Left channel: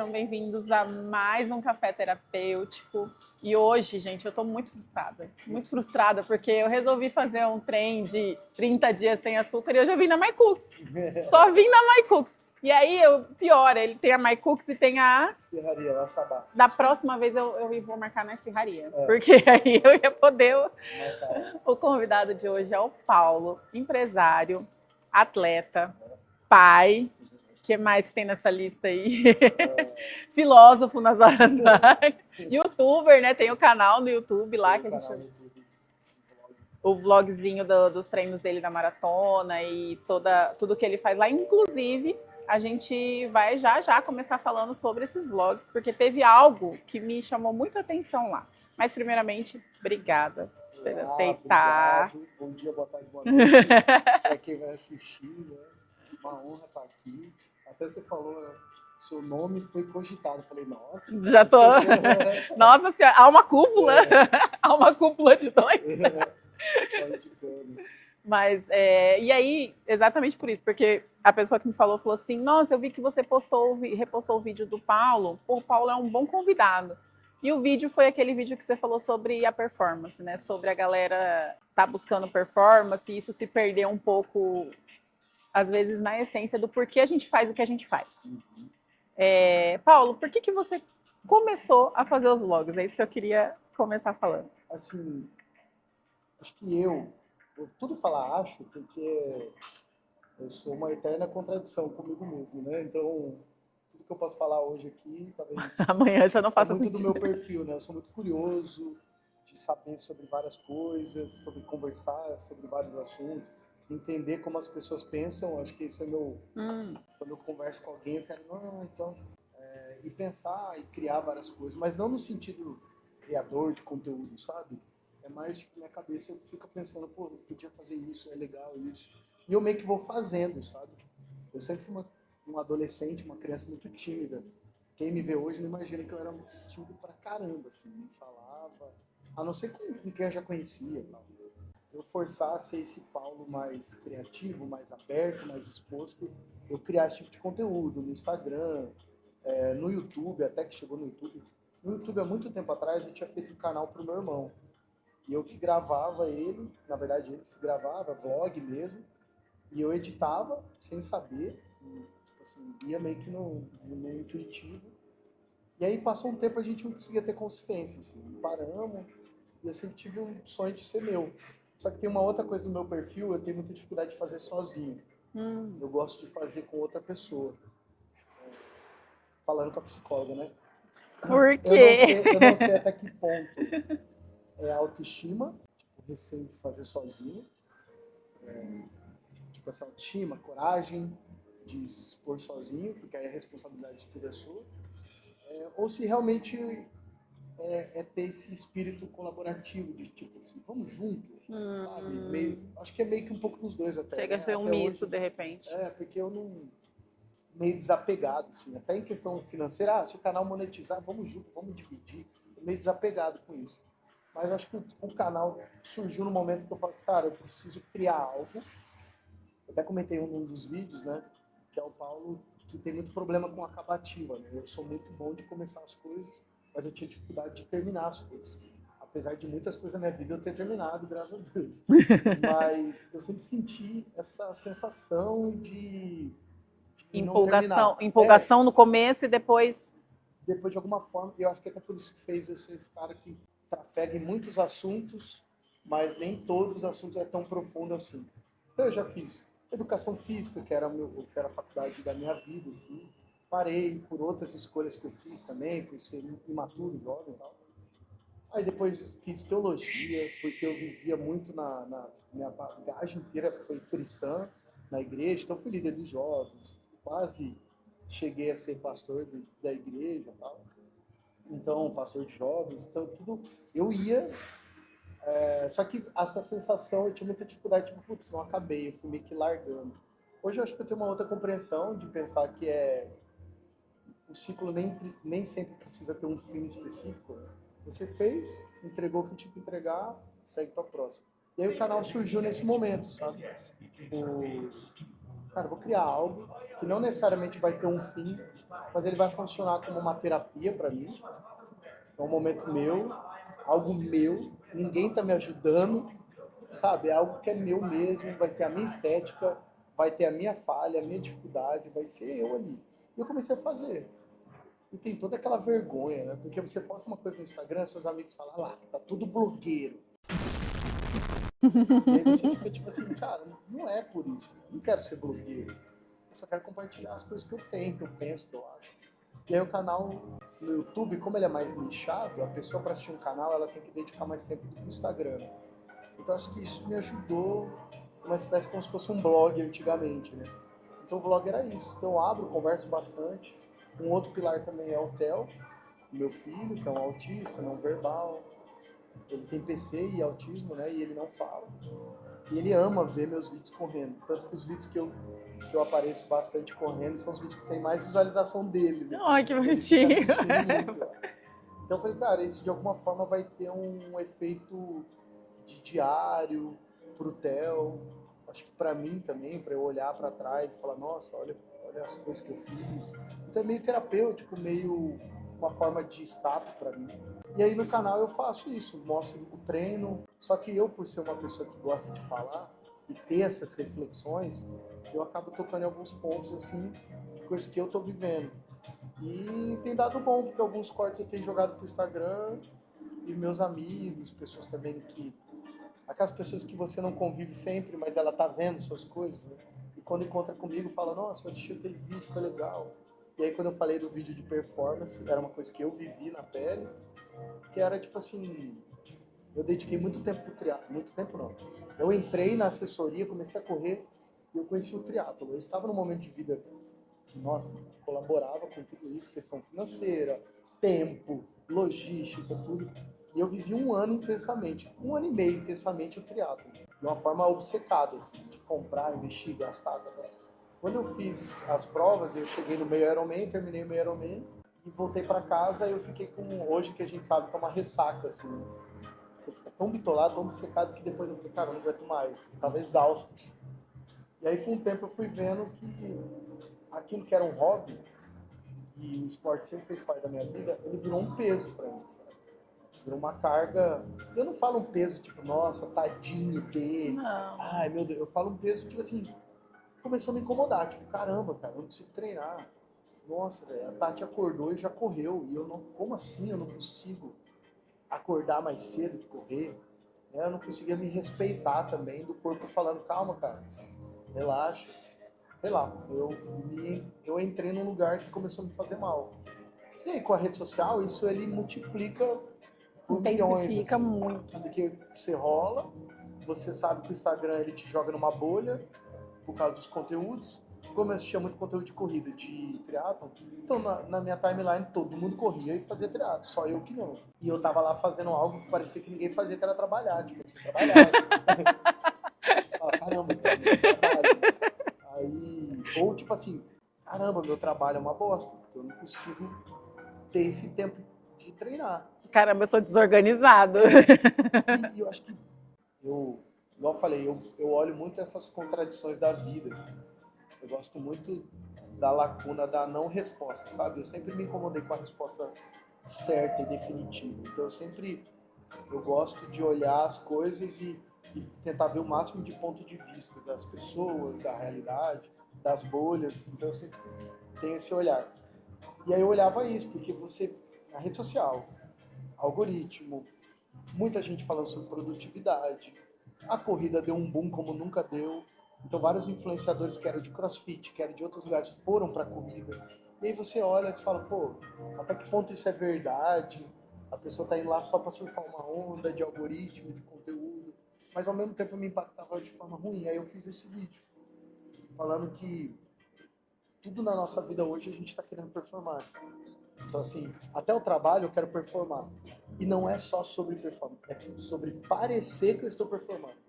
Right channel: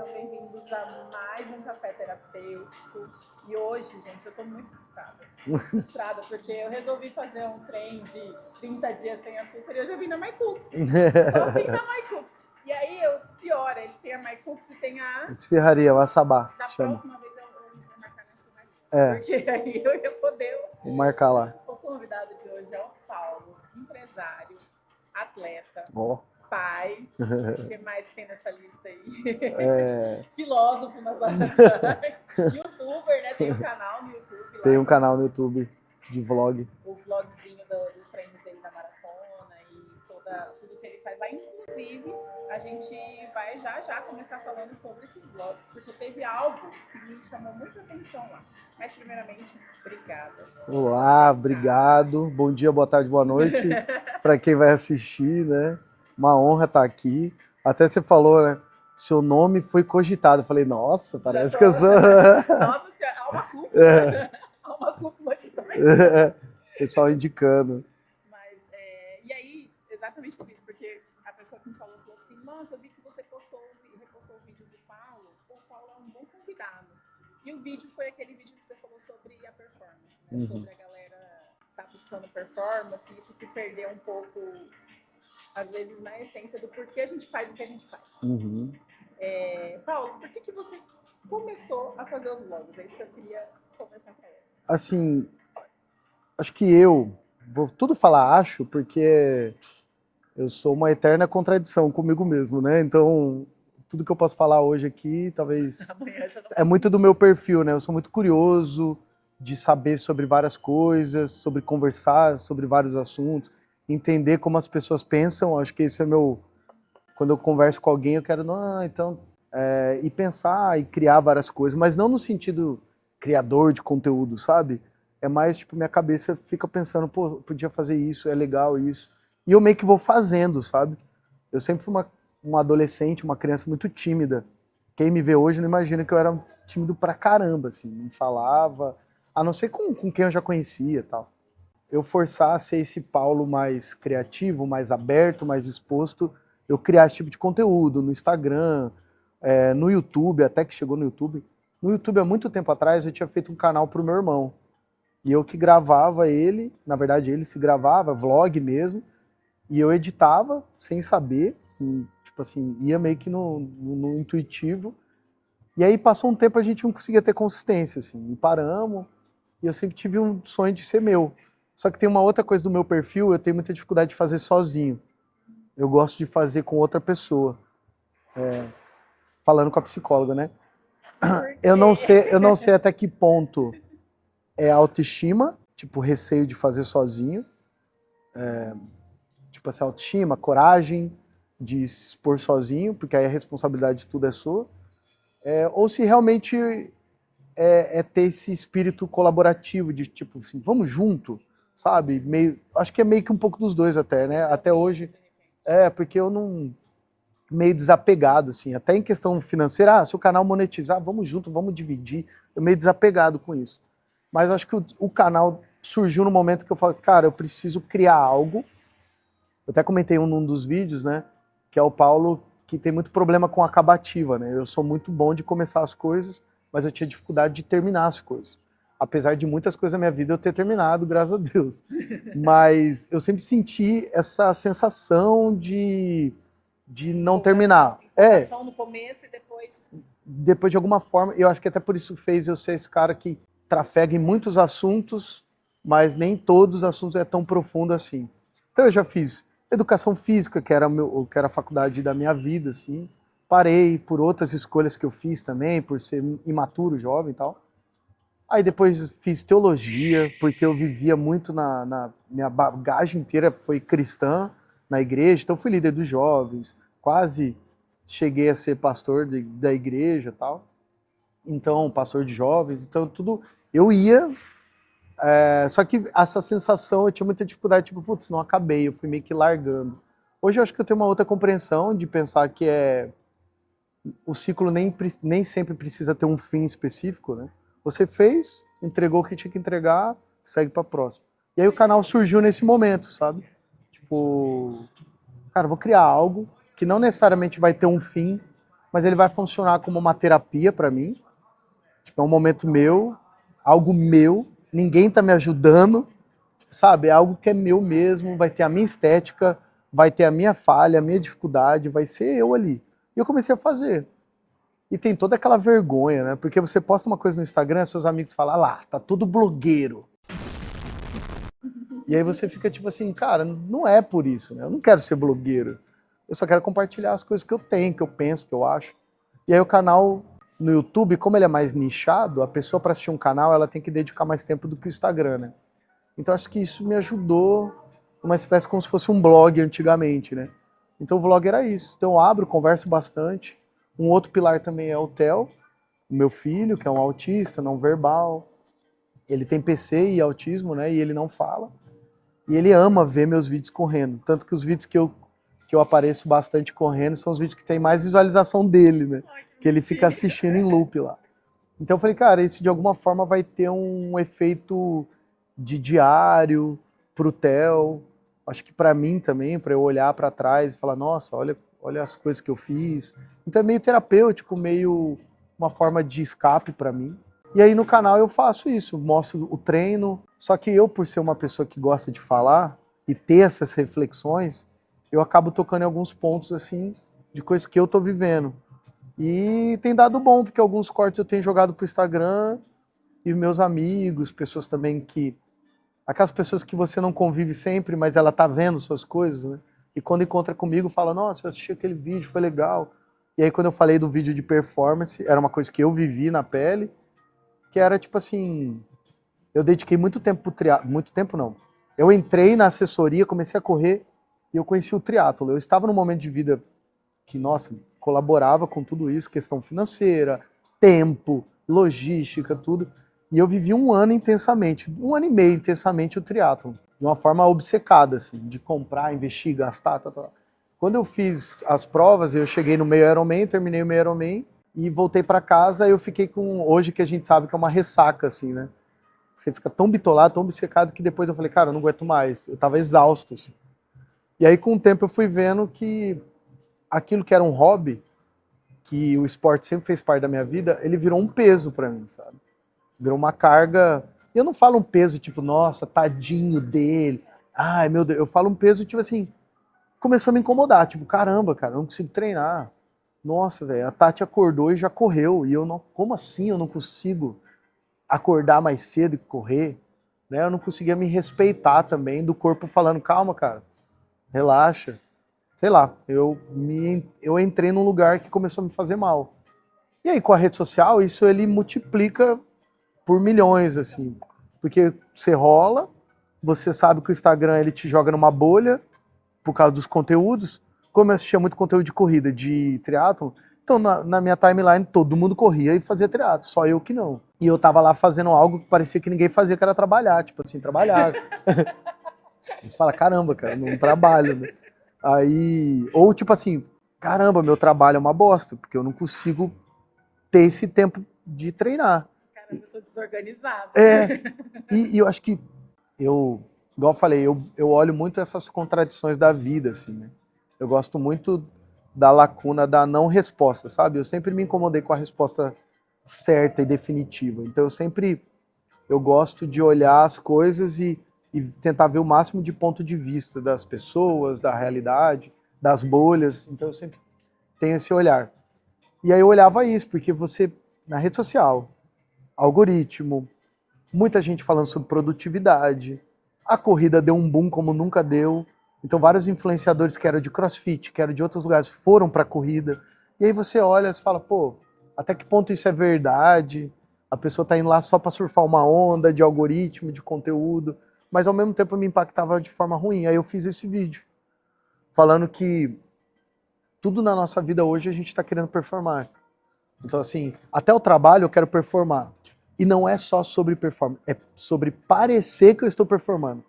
sejam bem-vindos a mais um Café Terapêutico. E hoje, gente, eu tô muito frustrada, porque eu resolvi fazer um trem de 30 dias sem açúcar e hoje eu vim na My Cooks. Só vim na My Cooks. E aí, pior, ele tem a My Cooks e tem a... Esfirraria, o Açabá. Da próxima vez eu vou marcar na esfirraria. Porque aí eu ia poder... Vou marcar lá. O convidado de hoje é o Paulo, empresário, atleta, pai, o que mais que tem nessa lista aí? Filósofo nas horas vagas, youtuber, né? Tem o canal no YouTube lá. Tem um canal no YouTube de vlog. O vlogzinho dos treinos dele da maratona e tudo que ele faz lá. Inclusive, a gente vai já começar falando sobre esses vlogs, porque teve algo que me chamou muita atenção lá. Mas, primeiramente, obrigada. Olá, obrigado. Bom dia, boa tarde, boa noite para quem vai assistir, né? Uma honra estar aqui. Até você falou, né? Seu nome foi cogitado. Eu falei, nossa, já tô... Nossa senhora, há uma cúpula. Há uma cúpula de dois. Pessoal indicando. Mas, e aí, exatamente por isso, porque a pessoa que me falou assim, nossa, eu vi que você repostou o vídeo do Paulo. Pô, o Paulo é um bom convidado. E o vídeo foi aquele vídeo que você falou sobre a performance, né? Sobre a galera tá buscando performance e isso se perder um pouco, às vezes, na essência do porquê a gente faz o que a gente faz. Paulo, por que você começou a fazer os vlogs? É isso que eu queria começar falando. Assim, acho que eu vou tudo falar acho, porque eu sou uma eterna contradição comigo mesmo, né? Então, tudo que eu posso falar hoje aqui, talvez... Amanhã já não faça muito sentido. do meu perfil, né? Eu sou muito curioso de saber sobre várias coisas, sobre conversar sobre vários assuntos, entender como as pessoas pensam. Acho que esse é meu... Quando eu converso com alguém, eu quero, e pensar e criar várias coisas, mas não no sentido criador de conteúdo, sabe? É mais, tipo, minha cabeça fica pensando, pô, podia fazer isso, é legal isso. E eu meio que vou fazendo, sabe? Eu sempre fui uma adolescente, uma criança muito tímida. Quem me vê hoje não imagina que eu era tímido pra caramba, assim. Não falava, a não ser com quem eu já conhecia e tal. Eu forçar a ser esse Paulo mais criativo, mais aberto, mais exposto, eu criar esse tipo de conteúdo no Instagram, no YouTube, até que chegou no YouTube. No YouTube, há muito tempo atrás, eu tinha feito um canal pro meu irmão. E eu que gravava ele, na verdade ele se gravava, vlog mesmo, e eu editava sem saber, tipo assim, ia meio que no intuitivo. E aí passou um tempo, a gente não conseguia ter consistência, assim, e paramos, e eu sempre tive um sonho de ser meu. Só que tem uma outra coisa do meu perfil, eu tenho muita dificuldade de fazer sozinho. Eu gosto de fazer com outra pessoa. Falando com a psicóloga, né? Por quê? Eu não sei até que ponto é autoestima, tipo, receio de fazer sozinho. Tipo assim, autoestima, coragem de se expor sozinho, porque aí a responsabilidade de tudo é sua. Ou se realmente ter esse espírito colaborativo de tipo assim, vamos junto, sabe? Acho que é meio que um pouco dos dois até, né? Até hoje. De repente. Porque eu não... meio desapegado, assim. Até em questão financeira, se o canal monetizar, vamos junto, vamos dividir. Eu meio desapegado com isso. Mas acho que o canal surgiu no momento que eu falo, cara, eu preciso criar algo. Eu até comentei num dos vídeos, né? Que é o Paulo, que tem muito problema com acabativa, né? Eu sou muito bom de começar as coisas, mas eu tinha dificuldade de terminar as coisas. Apesar de muitas coisas na minha vida eu ter terminado, graças a Deus. Mas eu sempre senti essa sensação de não terminar. Empolgação no começo e depois... Depois, de alguma forma, eu acho que até por isso fez eu ser esse cara que trafega em muitos assuntos, mas nem todos os assuntos é tão profundo assim. Então eu já fiz educação física, que era a faculdade da minha vida, assim. Parei por outras escolhas que eu fiz também, por ser imaturo, jovem e tal. Aí depois fiz teologia, porque eu vivia muito minha bagagem inteira foi cristã na igreja, então fui líder dos jovens, quase cheguei a ser pastor da igreja e tal. Então, pastor de jovens, então tudo... Eu ia, só que essa sensação eu tinha muita dificuldade, tipo, putz, não acabei, eu fui meio que largando. Hoje eu acho que eu tenho uma outra compreensão de pensar que o ciclo nem sempre precisa ter um fim específico, né? Você fez, entregou o que tinha que entregar, segue pra próxima. E aí o canal surgiu nesse momento, sabe? Tipo, cara, vou criar algo que não necessariamente vai ter um fim, mas ele vai funcionar como uma terapia para mim. Tipo, é um momento meu, algo meu, ninguém tá me ajudando, sabe? É algo que é meu mesmo, vai ter a minha estética, vai ter a minha falha, a minha dificuldade, vai ser eu ali. E eu comecei a fazer. E tem toda aquela vergonha, né? Porque você posta uma coisa no Instagram, seus amigos falam, ah lá, tá tudo blogueiro. E aí você fica tipo assim, cara, não é por isso, né? Eu não quero ser blogueiro. Eu só quero compartilhar as coisas que eu tenho, que eu penso, que eu acho. E aí o canal no YouTube, como ele é mais nichado, a pessoa para assistir um canal, ela tem que dedicar mais tempo do que o Instagram, né? Então acho que isso me ajudou, uma espécie como se fosse um blog antigamente, né? Então o vlog era isso. Então eu abro, converso bastante. Um outro pilar também é o Theo, o meu filho, que é um autista, não verbal. Ele tem PC e autismo, né? E ele não fala. E ele ama ver meus vídeos correndo. Tanto que os vídeos que eu apareço bastante correndo são os vídeos que tem mais visualização dele, né? Ai, que Que ele fica bonitinho. assistindo em loop lá. Então eu falei, cara, isso de alguma forma vai ter um efeito de diário pro Theo. Acho que para mim também, para eu olhar para trás e falar, nossa, olha as coisas que eu fiz. Então é meio terapêutico, meio uma forma de escape para mim. E aí no canal eu faço isso, mostro o treino. Só que eu, por ser uma pessoa que gosta de falar e ter essas reflexões, eu acabo tocando em alguns pontos assim de coisas que eu tô vivendo. E tem dado bom, porque alguns cortes eu tenho jogado pro Instagram e meus amigos, pessoas também que... Aquelas pessoas que você não convive sempre, mas ela tá vendo suas coisas, né? E quando encontra comigo, fala, nossa, eu assisti aquele vídeo, foi legal. E aí quando eu falei do vídeo de performance, era uma coisa que eu vivi na pele, que era tipo assim, eu dediquei muito tempo pro triatlo, muito tempo não. Eu entrei na assessoria, comecei a correr e eu conheci o triatlo. Eu estava num momento de vida que, nossa, colaborava com tudo isso, questão financeira, tempo, logística, tudo. E eu vivi um ano intensamente, um ano e meio intensamente o triatlon, de uma forma obcecada, assim, de comprar, investir, gastar, tá. Quando eu fiz as provas, eu cheguei no meio Ironman, terminei o meio Ironman e voltei para casa, eu fiquei com, hoje que a gente sabe que é uma ressaca, assim, né? Você fica tão bitolado, tão obcecado, que depois eu falei, cara, eu não aguento mais, eu tava exausto, assim. E aí com o tempo eu fui vendo que aquilo que era um hobby, que o esporte sempre fez parte da minha vida, ele virou um peso para mim, sabe? Virou uma carga. Eu não falo um peso tipo, nossa, tadinho dele. Não. Ai, meu Deus. Eu falo um peso tipo assim, começou a me incomodar. Tipo, caramba, cara, eu não consigo treinar. Nossa, velho, a Tati acordou e já correu. E eu não. Como assim eu não consigo acordar mais cedo e correr? Né? Eu não conseguia me respeitar também do corpo falando, calma, cara, relaxa. Sei lá, eu entrei num lugar que começou a me fazer mal. E aí, com a rede social, isso ele multiplica por milhões, assim. Muito. Porque você rola, você sabe que o Instagram ele te joga numa bolha por causa dos conteúdos. Como eu assistia muito conteúdo de corrida, de triatlon, então na minha timeline todo mundo corria e fazia triatlon, só eu que não. E eu tava lá fazendo algo que parecia que ninguém fazia, que era trabalhar, tipo assim, trabalhar. Você fala, caramba, cara, não trabalho, né? Aí, ou tipo assim, caramba, meu trabalho é uma bosta, porque eu não consigo ter esse tempo de treinar. Caramba, eu sou desorganizado. E eu acho que igual eu falei, eu olho muito essas contradições da vida, assim, né? Eu gosto muito da lacuna da não resposta, sabe? Eu sempre me incomodei com a resposta certa e definitiva. Então eu gosto de olhar as coisas e tentar ver o máximo de ponto de vista das pessoas, da realidade, das bolhas. Então eu sempre tenho esse olhar. E aí eu olhava isso, porque você, na rede social, algoritmo, muita gente falando sobre produtividade, a corrida deu um boom como nunca deu, então vários influenciadores que eram de CrossFit, que eram de outros lugares, foram para a corrida, e aí você olha e fala, pô, até que ponto isso é verdade? A pessoa tá indo lá só para surfar uma onda de algoritmo, de conteúdo, mas ao mesmo tempo me impactava de forma ruim. Aí eu fiz esse vídeo, falando que tudo na nossa vida hoje a gente está querendo performar. Então assim, até o trabalho eu quero performar. E não é só sobre performance, é sobre parecer que eu estou performando.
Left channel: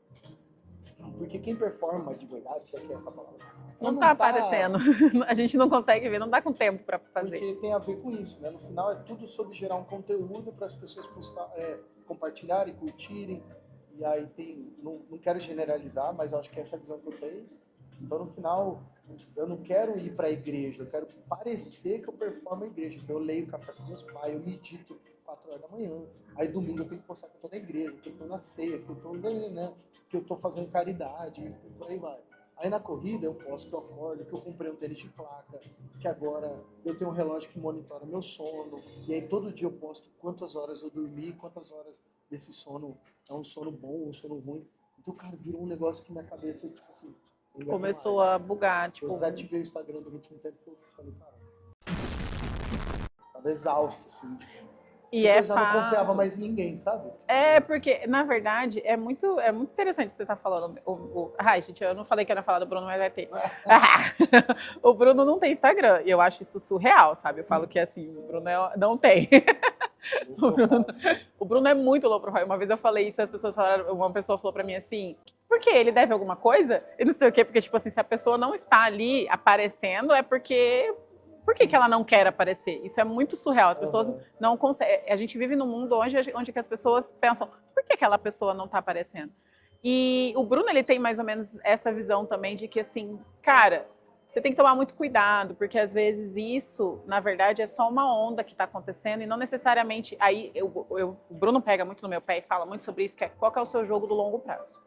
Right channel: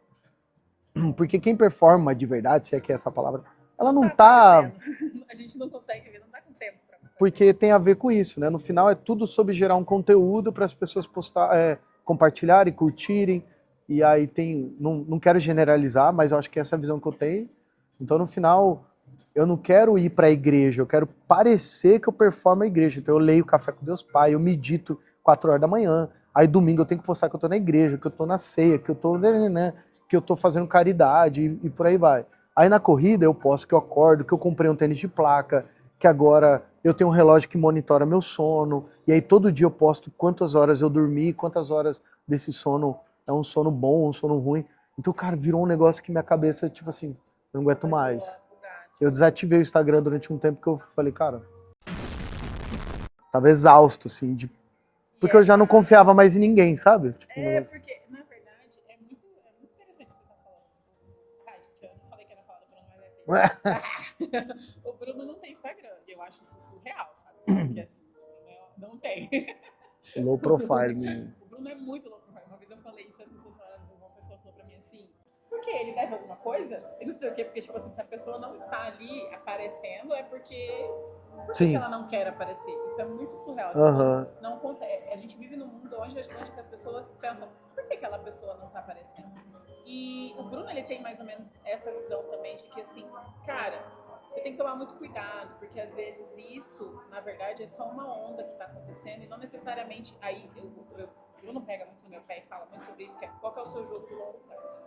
Porque quem performa de verdade, se é que é essa palavra, ela não tá aparecendo. A gente não consegue ver, não dá com tempo para fazer. Porque tem a ver com isso, né? No final é tudo sobre gerar um conteúdo para as pessoas compartilharem, curtirem. E aí tem, não quero generalizar, mas eu acho que essa é a visão que eu tenho. Então no final eu não quero ir para a igreja, eu quero parecer que eu performo a igreja. Então eu leio Café com Deus Pai, eu medito 4 horas da manhã. Aí domingo eu tenho que postar que eu tô na igreja, que eu tô na ceia, que eu tô, né, que eu tô fazendo caridade e por aí vai. Aí na corrida eu posto que eu acordo, que eu comprei um tênis de placa, que agora eu tenho um relógio que monitora meu sono, e aí todo dia eu posto quantas horas eu dormi, quantas horas desse sono é um sono bom, um sono ruim. Então, cara, virou um negócio que minha cabeça, tipo assim, eu não aguento Começou mais. a bugar, tipo... Eu desativei o Instagram durante um tempo que eu falei, cara, tava exausto, assim, porque eu já não confiava mais em ninguém, sabe? Tipo, porque, na verdade, é muito interessante o que você tá falando. Ai, gente, eu não falei que eu ia falar do Bruno, mas vai ter. O Bruno não tem Instagram, e eu acho isso surreal, sabe? Eu falo que, assim, o Bruno não tem. Low profile. O Bruno é muito low profile. Uma vez eu falei isso, as pessoas falaram, uma pessoa falou pra mim assim, por quê? Ele deve alguma coisa? E não sei o quê, porque, tipo assim, se a pessoa não está ali aparecendo, é porque... Por que ela não quer aparecer? Isso é muito surreal. As pessoas não conseguem. A gente vive num mundo onde que as pessoas pensam, por que aquela pessoa não está aparecendo? E o Bruno, ele tem mais ou menos essa visão também de que, assim, cara, você tem que tomar muito cuidado, porque às vezes isso, na verdade, é só uma onda que está acontecendo e não necessariamente... Aí o Bruno pega muito no meu pé e fala muito sobre isso, que é qual que é o seu jogo do longo prazo.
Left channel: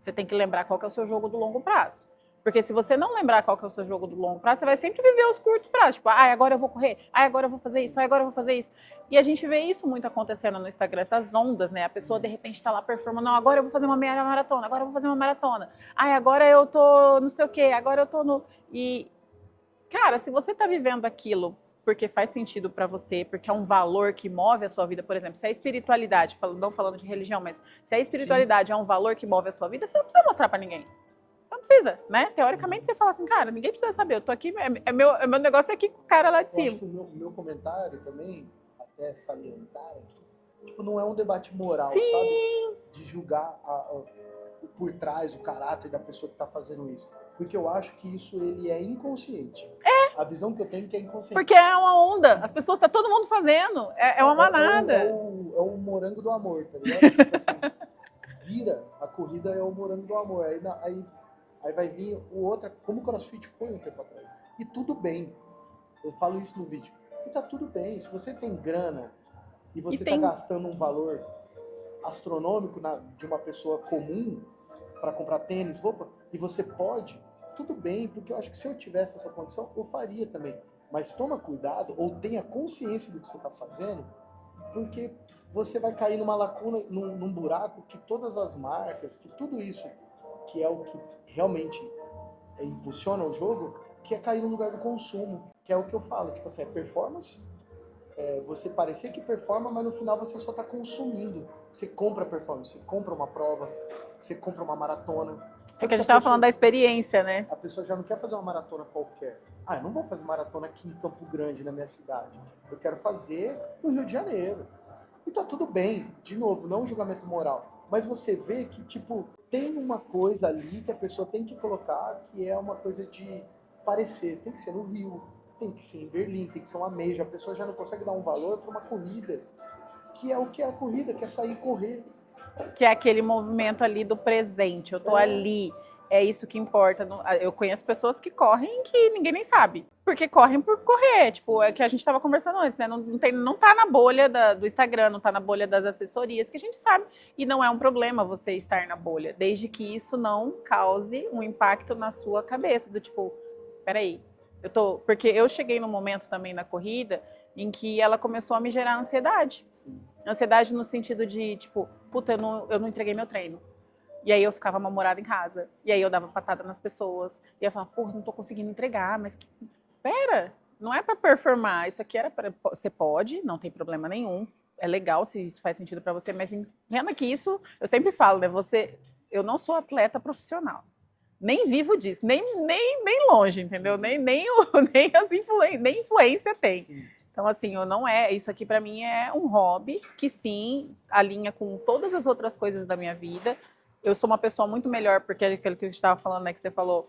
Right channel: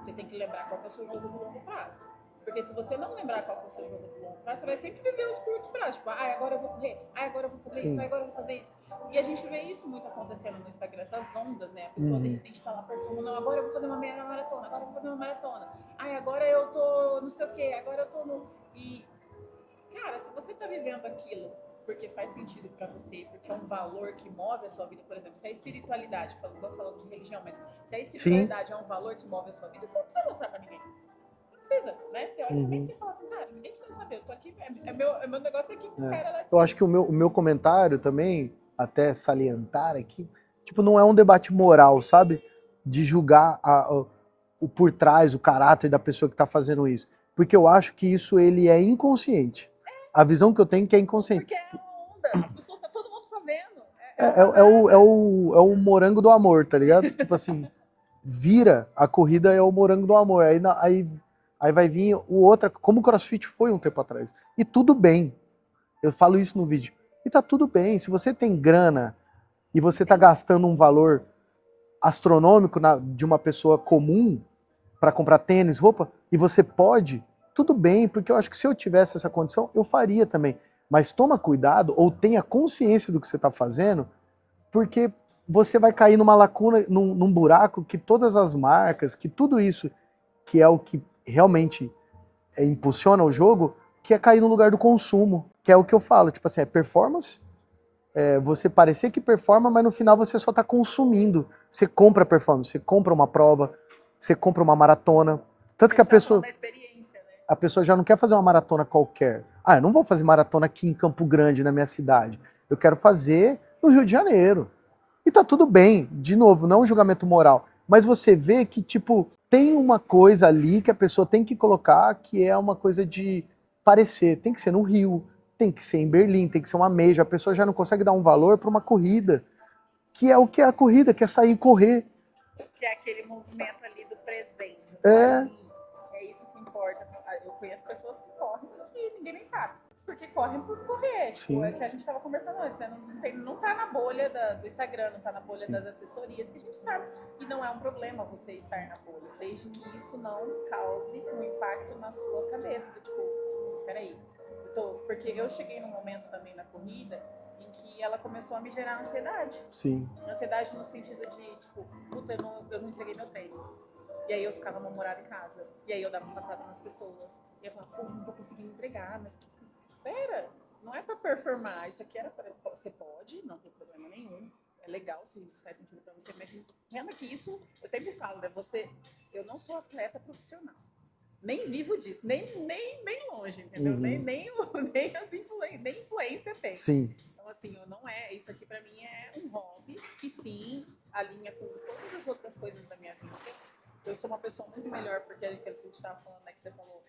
Você tem que lembrar qual que é o seu jogo do longo prazo. Porque se você não lembrar qual que é o seu jogo do longo prazo, você vai sempre viver os curtos prazos. Tipo, agora eu vou correr, agora eu vou fazer isso, agora eu vou fazer isso. E a gente vê isso muito acontecendo no Instagram, essas ondas, né? A pessoa, de repente, tá lá performando, não, agora eu vou fazer uma meia maratona, agora eu vou fazer uma maratona. Agora eu tô não sei o quê, agora eu tô no... E, cara, se você tá vivendo aquilo porque faz sentido para você, porque é um valor que move a sua vida, por exemplo, se a espiritualidade, não falando de religião, mas se a espiritualidade é um valor que move a sua vida, você não precisa mostrar para ninguém. Não precisa, né? Teoricamente, você fala assim, cara, ninguém precisa saber, eu tô aqui, meu negócio é aqui com o cara lá de cima. Eu acho que o meu comentário também, até salientar aqui, tipo, não é um debate moral, sabe? De julgar o por trás, o caráter da pessoa que tá fazendo isso. Porque eu acho que isso, ele é inconsciente. A visão que eu tenho é que é inconsciente. Porque é uma onda, as pessoas, tá todo mundo fazendo, é uma manada. É o morango do amor, tá ligado? Tipo assim, vira, a corrida é o morango do amor. Aí vai vir o outro, como o CrossFit foi um tempo atrás. E tudo bem. Eu falo isso no vídeo. E tá tudo bem. Se você tem grana e você tá gastando um valor astronômico de uma pessoa comum para comprar tênis, roupa, e você pode, tudo bem, porque eu acho que se eu tivesse essa condição, eu faria também. Mas toma cuidado, ou tenha consciência do que você tá fazendo, porque você vai cair numa lacuna, num buraco que todas as marcas, que tudo isso que é o que realmente impulsiona o jogo, que é cair no lugar do consumo, que é o que eu falo, tipo assim, é performance, você parecer que performa, mas no final você só está consumindo. Você compra performance, você compra uma prova, você compra uma maratona. Tanto que a pessoa falando da experiência, né? A pessoa já não quer fazer uma maratona qualquer. Eu não vou fazer maratona aqui em Campo Grande, na minha cidade. Eu quero fazer no Rio de Janeiro. E tá tudo bem, de novo, não é um julgamento moral, mas você vê que, tipo, tem uma coisa ali que a pessoa tem que colocar que é uma coisa de parecer. Tem que ser no Rio, tem que ser em Berlim, tem que ser uma major. A pessoa já não consegue dar um valor para uma corrida, que é o que é a corrida, que é sair e correr. Que é aquele movimento ali do presente, eu tô ali. É isso que importa. Eu conheço pessoas que correm que ninguém nem sabe. Porque correm por correr. Tipo, é que a gente estava conversando antes, né? Não tá na bolha do Instagram, não tá na bolha das assessorias, que a gente sabe. E não é um problema você estar na bolha, desde que isso não cause um impacto na sua cabeça. Do tipo, peraí, porque eu cheguei num momento também na corrida em que ela começou a me gerar ansiedade. Sim. Ansiedade no sentido de, tipo, puta, eu não entreguei meu treino. E aí eu ficava mal-humorada em casa. E aí eu dava patada nas pessoas. E eu falava, porra, não tô conseguindo entregar, mas pera, não é pra performar. Isso aqui era pra... Você pode, não tem problema nenhum. É legal se isso faz sentido pra você, mas entenda que isso, eu sempre falo, né? Eu não sou atleta profissional. Nem vivo disso, nem longe, entendeu? Nem influência tem. Sim. Então, assim, isso aqui pra mim é um hobby que sim, alinha com todas as outras coisas da minha vida. Eu sou uma pessoa muito melhor, porque aquilo que a gente estava falando, né, que você falou,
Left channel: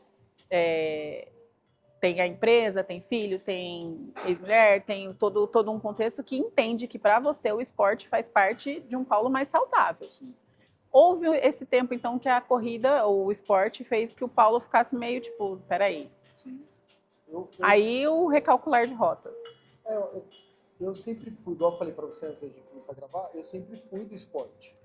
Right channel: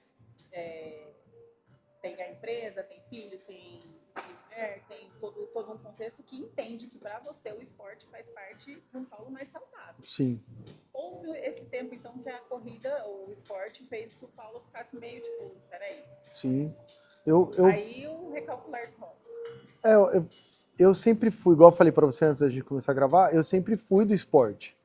tem a empresa, tem filho, tem ex-mulher, tem todo um contexto que entende que para você o esporte faz parte de um Paulo mais saudável. Sim. houve esse tempo, então, que a corrida, ou o esporte, fez que o Paulo ficasse meio tipo, peraí. Sim. Aí o recalcular de rota. É, eu sempre fui, igual eu falei para você antes de começar a gravar, eu sempre fui do esporte.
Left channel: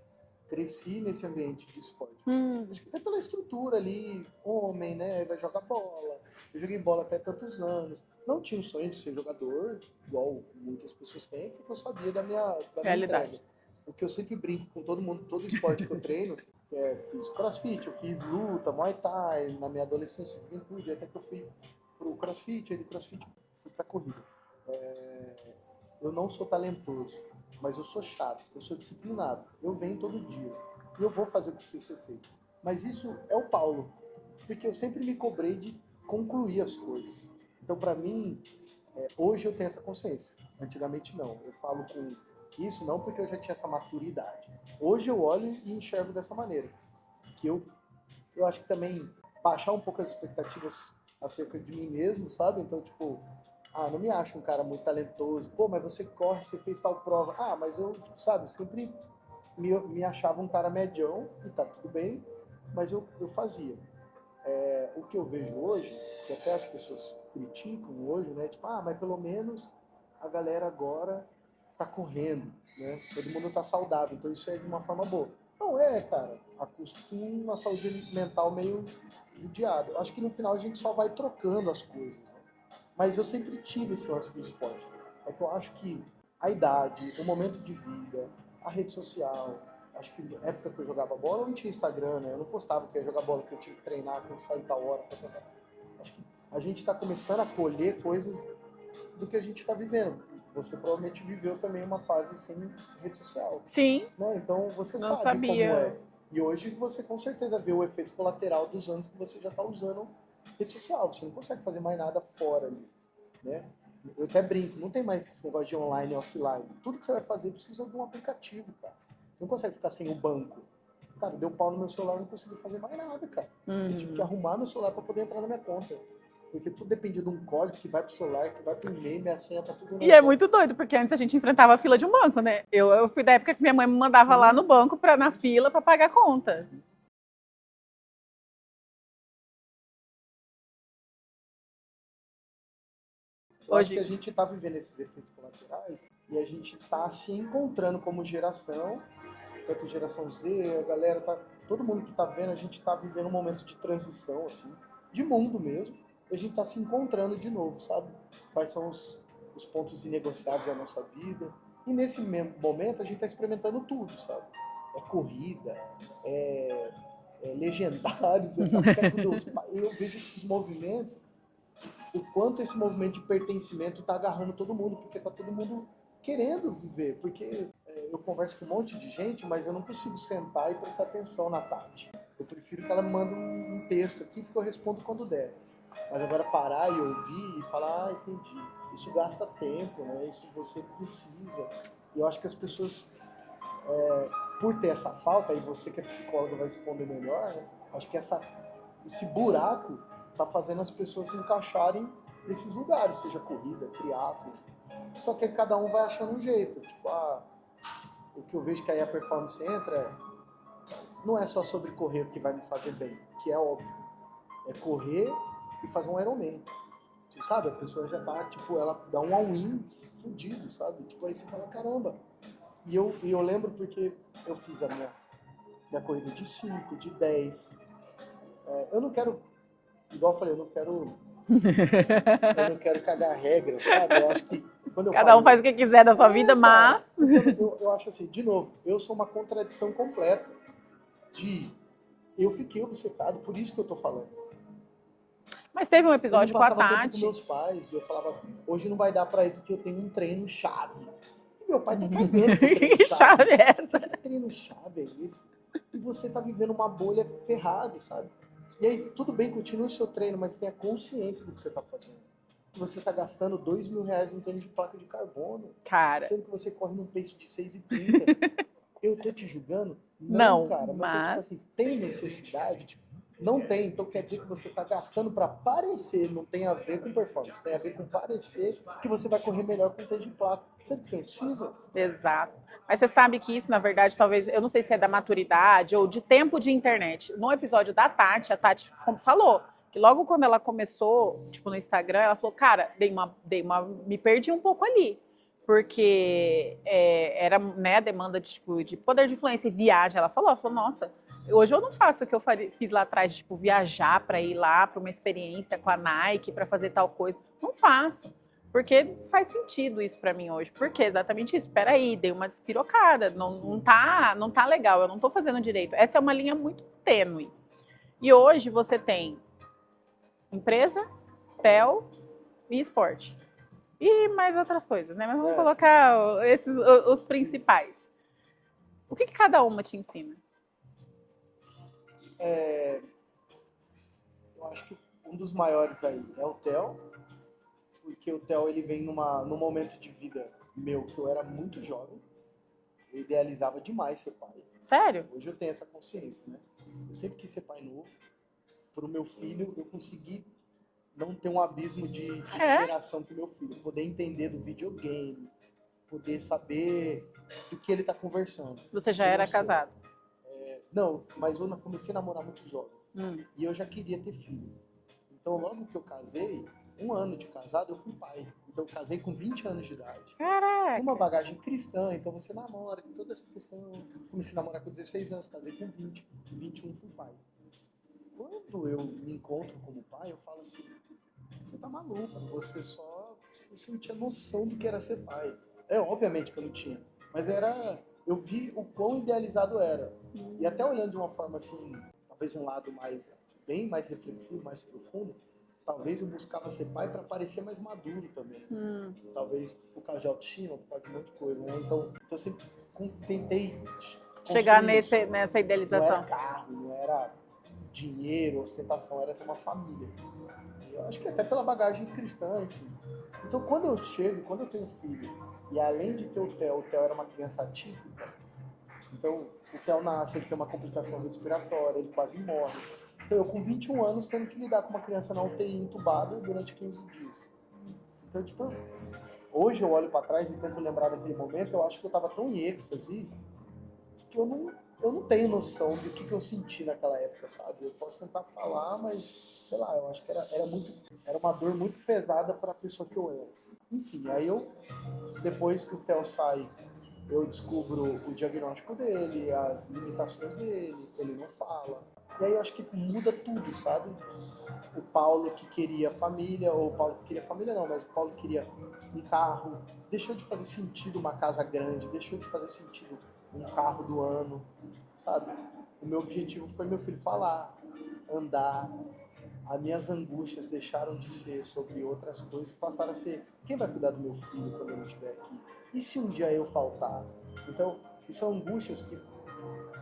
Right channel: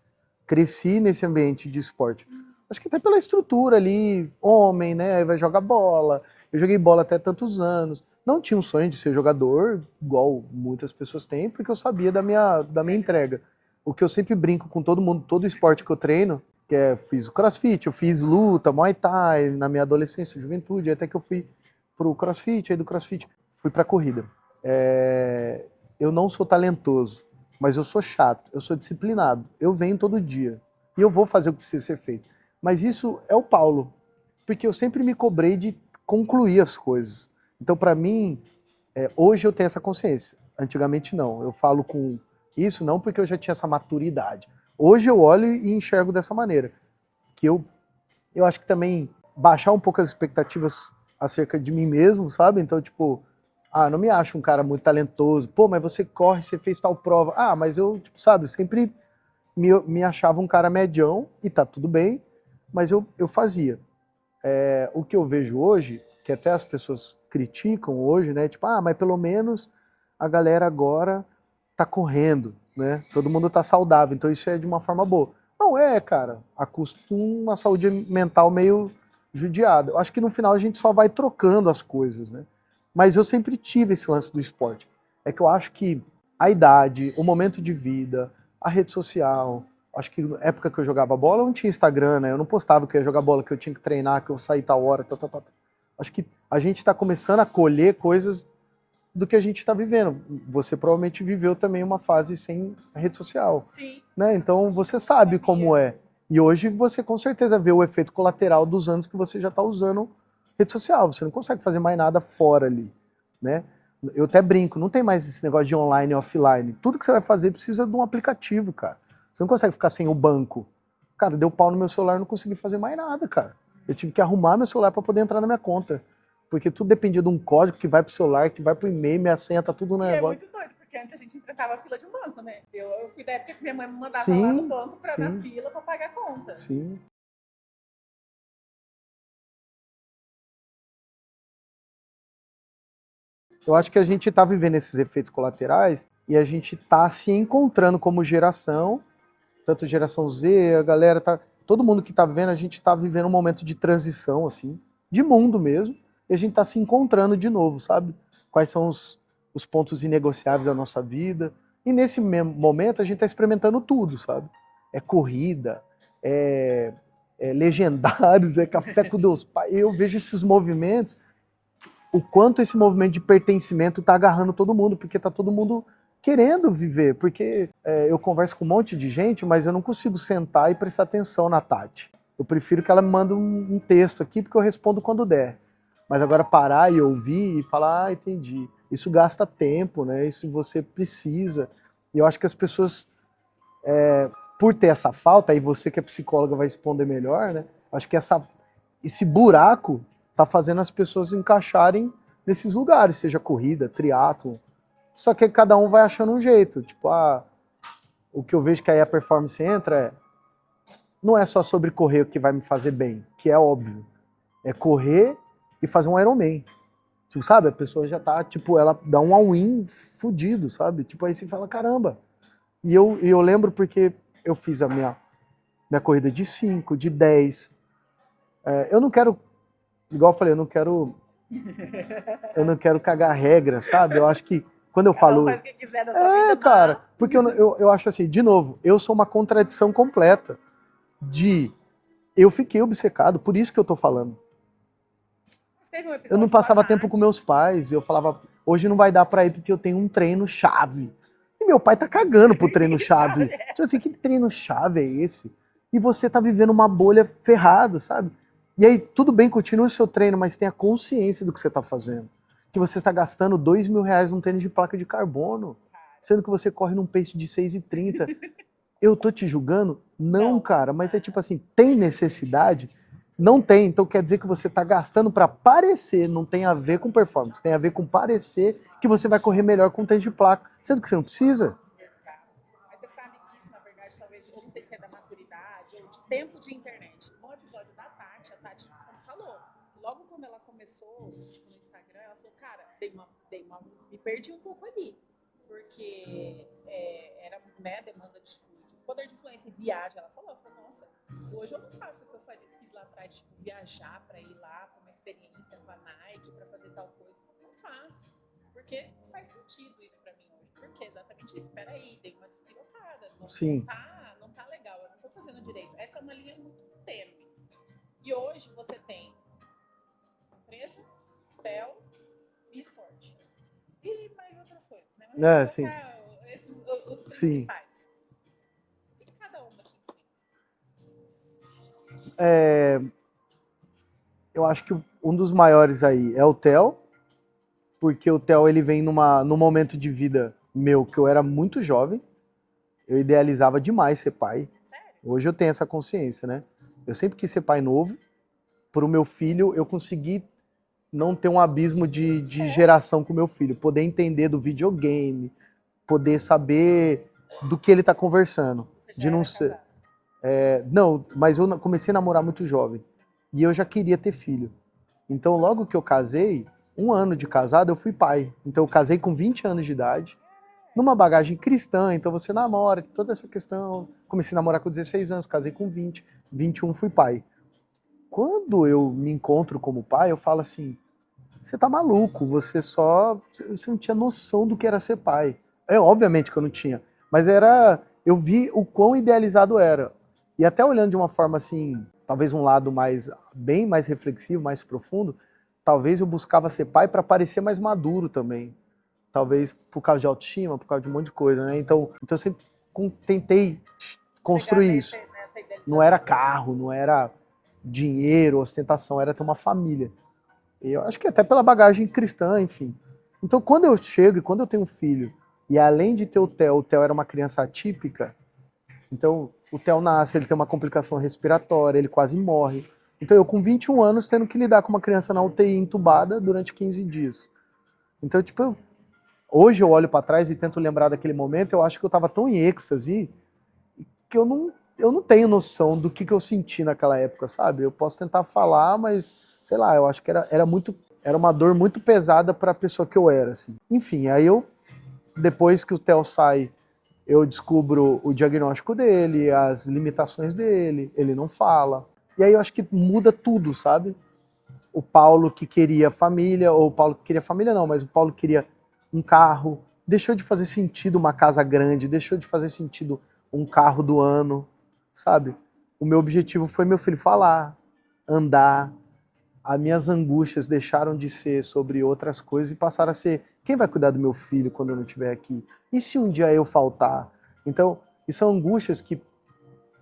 Cresci nesse ambiente de esporte. Acho que até pela estrutura ali, homem, né? Aí vai jogar bola. Eu joguei bola até tantos anos. Não tinha um sonho de ser jogador, igual muitas pessoas têm, porque eu sabia da minha entrega. O que eu sempre brinco com todo mundo, todo esporte que eu treino, que é, fiz o crossfit, eu fiz luta, muay thai, na minha adolescência, juventude, até que eu fui pro crossfit, aí do crossfit fui pra corrida. Eu não sou talentoso, mas eu sou chato, eu sou disciplinado, eu venho todo dia e eu vou fazer o que precisa ser feito. Mas isso é o Paulo, porque eu sempre me cobrei de concluir as coisas. Então, para mim, hoje eu tenho essa consciência. Antigamente não. Eu falo com isso não porque eu já tinha essa maturidade. Hoje eu olho e enxergo dessa maneira. Que eu acho que também baixar um pouco as expectativas acerca de mim mesmo, sabe? Então, tipo, não me acho um cara muito talentoso. Pô, mas você corre, você fez tal prova. Mas eu, tipo, sabe, sempre me achava um cara medião e tá tudo bem, mas eu fazia. O que eu vejo hoje, que até as pessoas criticam hoje, né? Tipo, mas pelo menos a galera agora tá correndo, né? Todo mundo tá saudável, então isso é de uma forma boa. Não é, cara, a custo de uma saúde mental meio judiada. Eu acho que no final a gente só vai trocando as coisas, né? Mas eu sempre tive esse lance do esporte. É que eu acho que a idade, o momento de vida, a rede social, acho que na época que eu jogava bola, eu não tinha Instagram, né? Eu não postava que eu ia jogar bola, que eu tinha que treinar, que eu saí tal hora, tá. Acho que a gente está começando a colher coisas do que a gente está vivendo. Você provavelmente viveu também uma fase sem rede social. Sim. Né? Então você Não sabe sabia. como é. E hoje você com certeza vê o efeito colateral dos anos que você já está usando rede social. Você não consegue fazer mais nada fora ali, né? Eu até brinco, não tem mais esse negócio de online e offline. Tudo que você vai fazer precisa de um aplicativo, cara. Você não consegue ficar sem o banco. Cara, deu pau no meu celular, não consegui fazer mais nada, cara. Eu tive que arrumar meu celular para poder entrar na minha conta. Porque tudo dependia de um código que vai pro celular, que vai pro e-mail, minha senha, tá tudo no negócio. E é muito doido, porque antes a gente enfrentava a fila de um banco, né? Eu fui da época que minha mãe me mandava Sim, lá no banco, na sim. fila, para pagar a conta. Sim. Eu acho que a gente está vivendo esses efeitos colaterais e a gente está se encontrando como geração, tanto geração Z, a galera tá, todo mundo que está vivendo, a gente está vivendo um momento de transição assim, de mundo mesmo, e a gente está se encontrando de novo, sabe? Quais são os pontos inegociáveis da nossa vida? E nesse mesmo momento a gente está experimentando tudo, sabe? É corrida, é legendários, é café com Deus Pai. Eu vejo esses movimentos, o quanto esse movimento de pertencimento está agarrando todo mundo, porque está todo mundo querendo viver, porque eu converso com um monte de gente, mas eu não consigo sentar e prestar atenção na Tati. Eu prefiro que ela me mande um texto aqui, porque eu respondo quando der. Mas agora parar e ouvir e falar, entendi. Isso gasta tempo, né? Isso você precisa. E eu acho que as pessoas, por ter essa falta, aí você que é psicóloga vai responder melhor, né? Acho que esse buraco tá fazendo as pessoas encaixarem nesses lugares, seja corrida, triatlo. Só que cada um vai achando um jeito. Tipo, o que eu vejo que aí a performance entra não é só sobre correr o que vai me fazer bem, que é óbvio. É correr e fazer um Ironman. Tipo, sabe? A pessoa já tá, tipo, ela dá um all-in fudido, sabe? Tipo, aí você fala, caramba. E eu lembro porque eu fiz a minha corrida de 5, de 10. Eu não quero, igual eu falei, eu não quero cagar regra, sabe? Eu acho que quando eu falo... Cada um faz o que quiser da sua vida, cara, mas... porque eu acho assim, de novo, eu sou uma contradição completa eu fiquei obcecado, por isso que eu tô falando. Mas teve um Eu episódio não passava com a Tati. tempo com meus pais, eu falava, hoje não vai dar pra ir porque eu tenho um treino chave. E meu pai tá cagando pro treino chave. Tipo assim, que treino chave é esse? E você tá vivendo uma bolha ferrada, sabe? E aí, tudo bem, continua o seu treino, mas tenha consciência do que você tá fazendo. Que você está gastando R$2.000 num tênis de placa de carbono. Cara. Sendo que você corre num pace de 6,30. Eu tô te julgando? Não, cara. Mas é tipo assim, tem necessidade? Não tem, então quer dizer que você está gastando para parecer, não tem a ver com performance, tem a ver com parecer que você vai correr melhor com tênis de placa, sendo que você não precisa. Exato. Mas você sabe que isso, na verdade, talvez, eu não sei se é da maturidade ou de tempo de internet. No episódio da Tati, a Tati falou que logo quando ela começou, tipo, no Instagram, ela falou, cara, me perdi um pouco ali. Porque era, né, a demanda de, tipo, de poder de influência e viagem. Ela falou, nossa, hoje eu não faço o que eu fiz lá atrás, de, tipo, viajar para ir lá para uma experiência com a Nike, para fazer tal coisa. Não faço. Porque faz sentido isso para mim hoje. Porque exatamente isso. Peraí, dei uma despirocada. Não tá legal, eu não tô fazendo direito. Essa é uma linha muito tênue. E hoje você tem empresa, TEL e esporte. E mais outras coisas, né? Mas vamos colocar os principais. Sim. O que cada uma te ensina? Eu acho que um dos maiores aí é o TEL, porque o TEL ele vem num momento de vida meu que eu era muito jovem, eu idealizava demais ser pai. Sério? Hoje eu tenho essa consciência, né? Eu sempre quis ser pai novo, pro meu filho eu consegui não ter um abismo de geração com o meu filho, poder entender do videogame, poder saber do que ele tá conversando. Você já era casado? Não, mas eu comecei a namorar muito jovem, e eu já queria ter filho. Então logo que eu casei, 1 ano de casado, eu fui pai. Então eu casei com 20 anos de idade. Caraca. Numa bagagem cristã, então você namora, toda essa questão. Comecei a namorar com 16 anos, casei com 20, 21 fui pai. Quando eu me encontro como pai, eu falo assim, você tá maluco, você não tinha noção do que era ser pai. Obviamente que eu não tinha, mas eu vi o quão idealizado era. E até olhando de uma forma assim, talvez um lado bem mais reflexivo, mais profundo, talvez eu buscava ser pai para parecer mais maduro também. Talvez por causa de autoestima, por causa de um monte de coisa, né? Então eu sempre tentei construir chegar nessa idealização. Não era carro, não era dinheiro, ostentação, era ter uma família. E eu acho que até pela bagagem cristã, enfim. Então quando eu chego e quando eu tenho um filho, e além de ter o Theo era uma criança atípica, então o Theo nasce, ele tem uma complicação respiratória, ele quase morre. Então eu com 21 anos tendo que lidar com uma criança na UTI entubada durante 15 dias. Então, tipo, hoje eu olho para trás e tento lembrar daquele momento, eu acho que eu tava tão em êxtase que eu não tenho noção do que eu senti naquela época, sabe? Eu posso tentar falar, mas, sei lá, eu acho que era uma dor muito pesada para a pessoa que eu era, assim. Enfim, aí depois que o Theo sai, eu descubro o diagnóstico dele, as limitações dele, ele não fala. E aí eu acho que muda tudo, sabe? O Paulo que queria família, ou o Paulo que queria família não, mas o Paulo queria um carro. Deixou de fazer sentido uma casa grande, deixou de fazer sentido um carro do ano, sabe? O meu objetivo foi meu filho falar, andar. As minhas angústias deixaram de ser sobre outras coisas e passaram a ser quem vai cuidar do meu filho quando eu não estiver aqui? E se um dia eu faltar? Então, e são angústias que,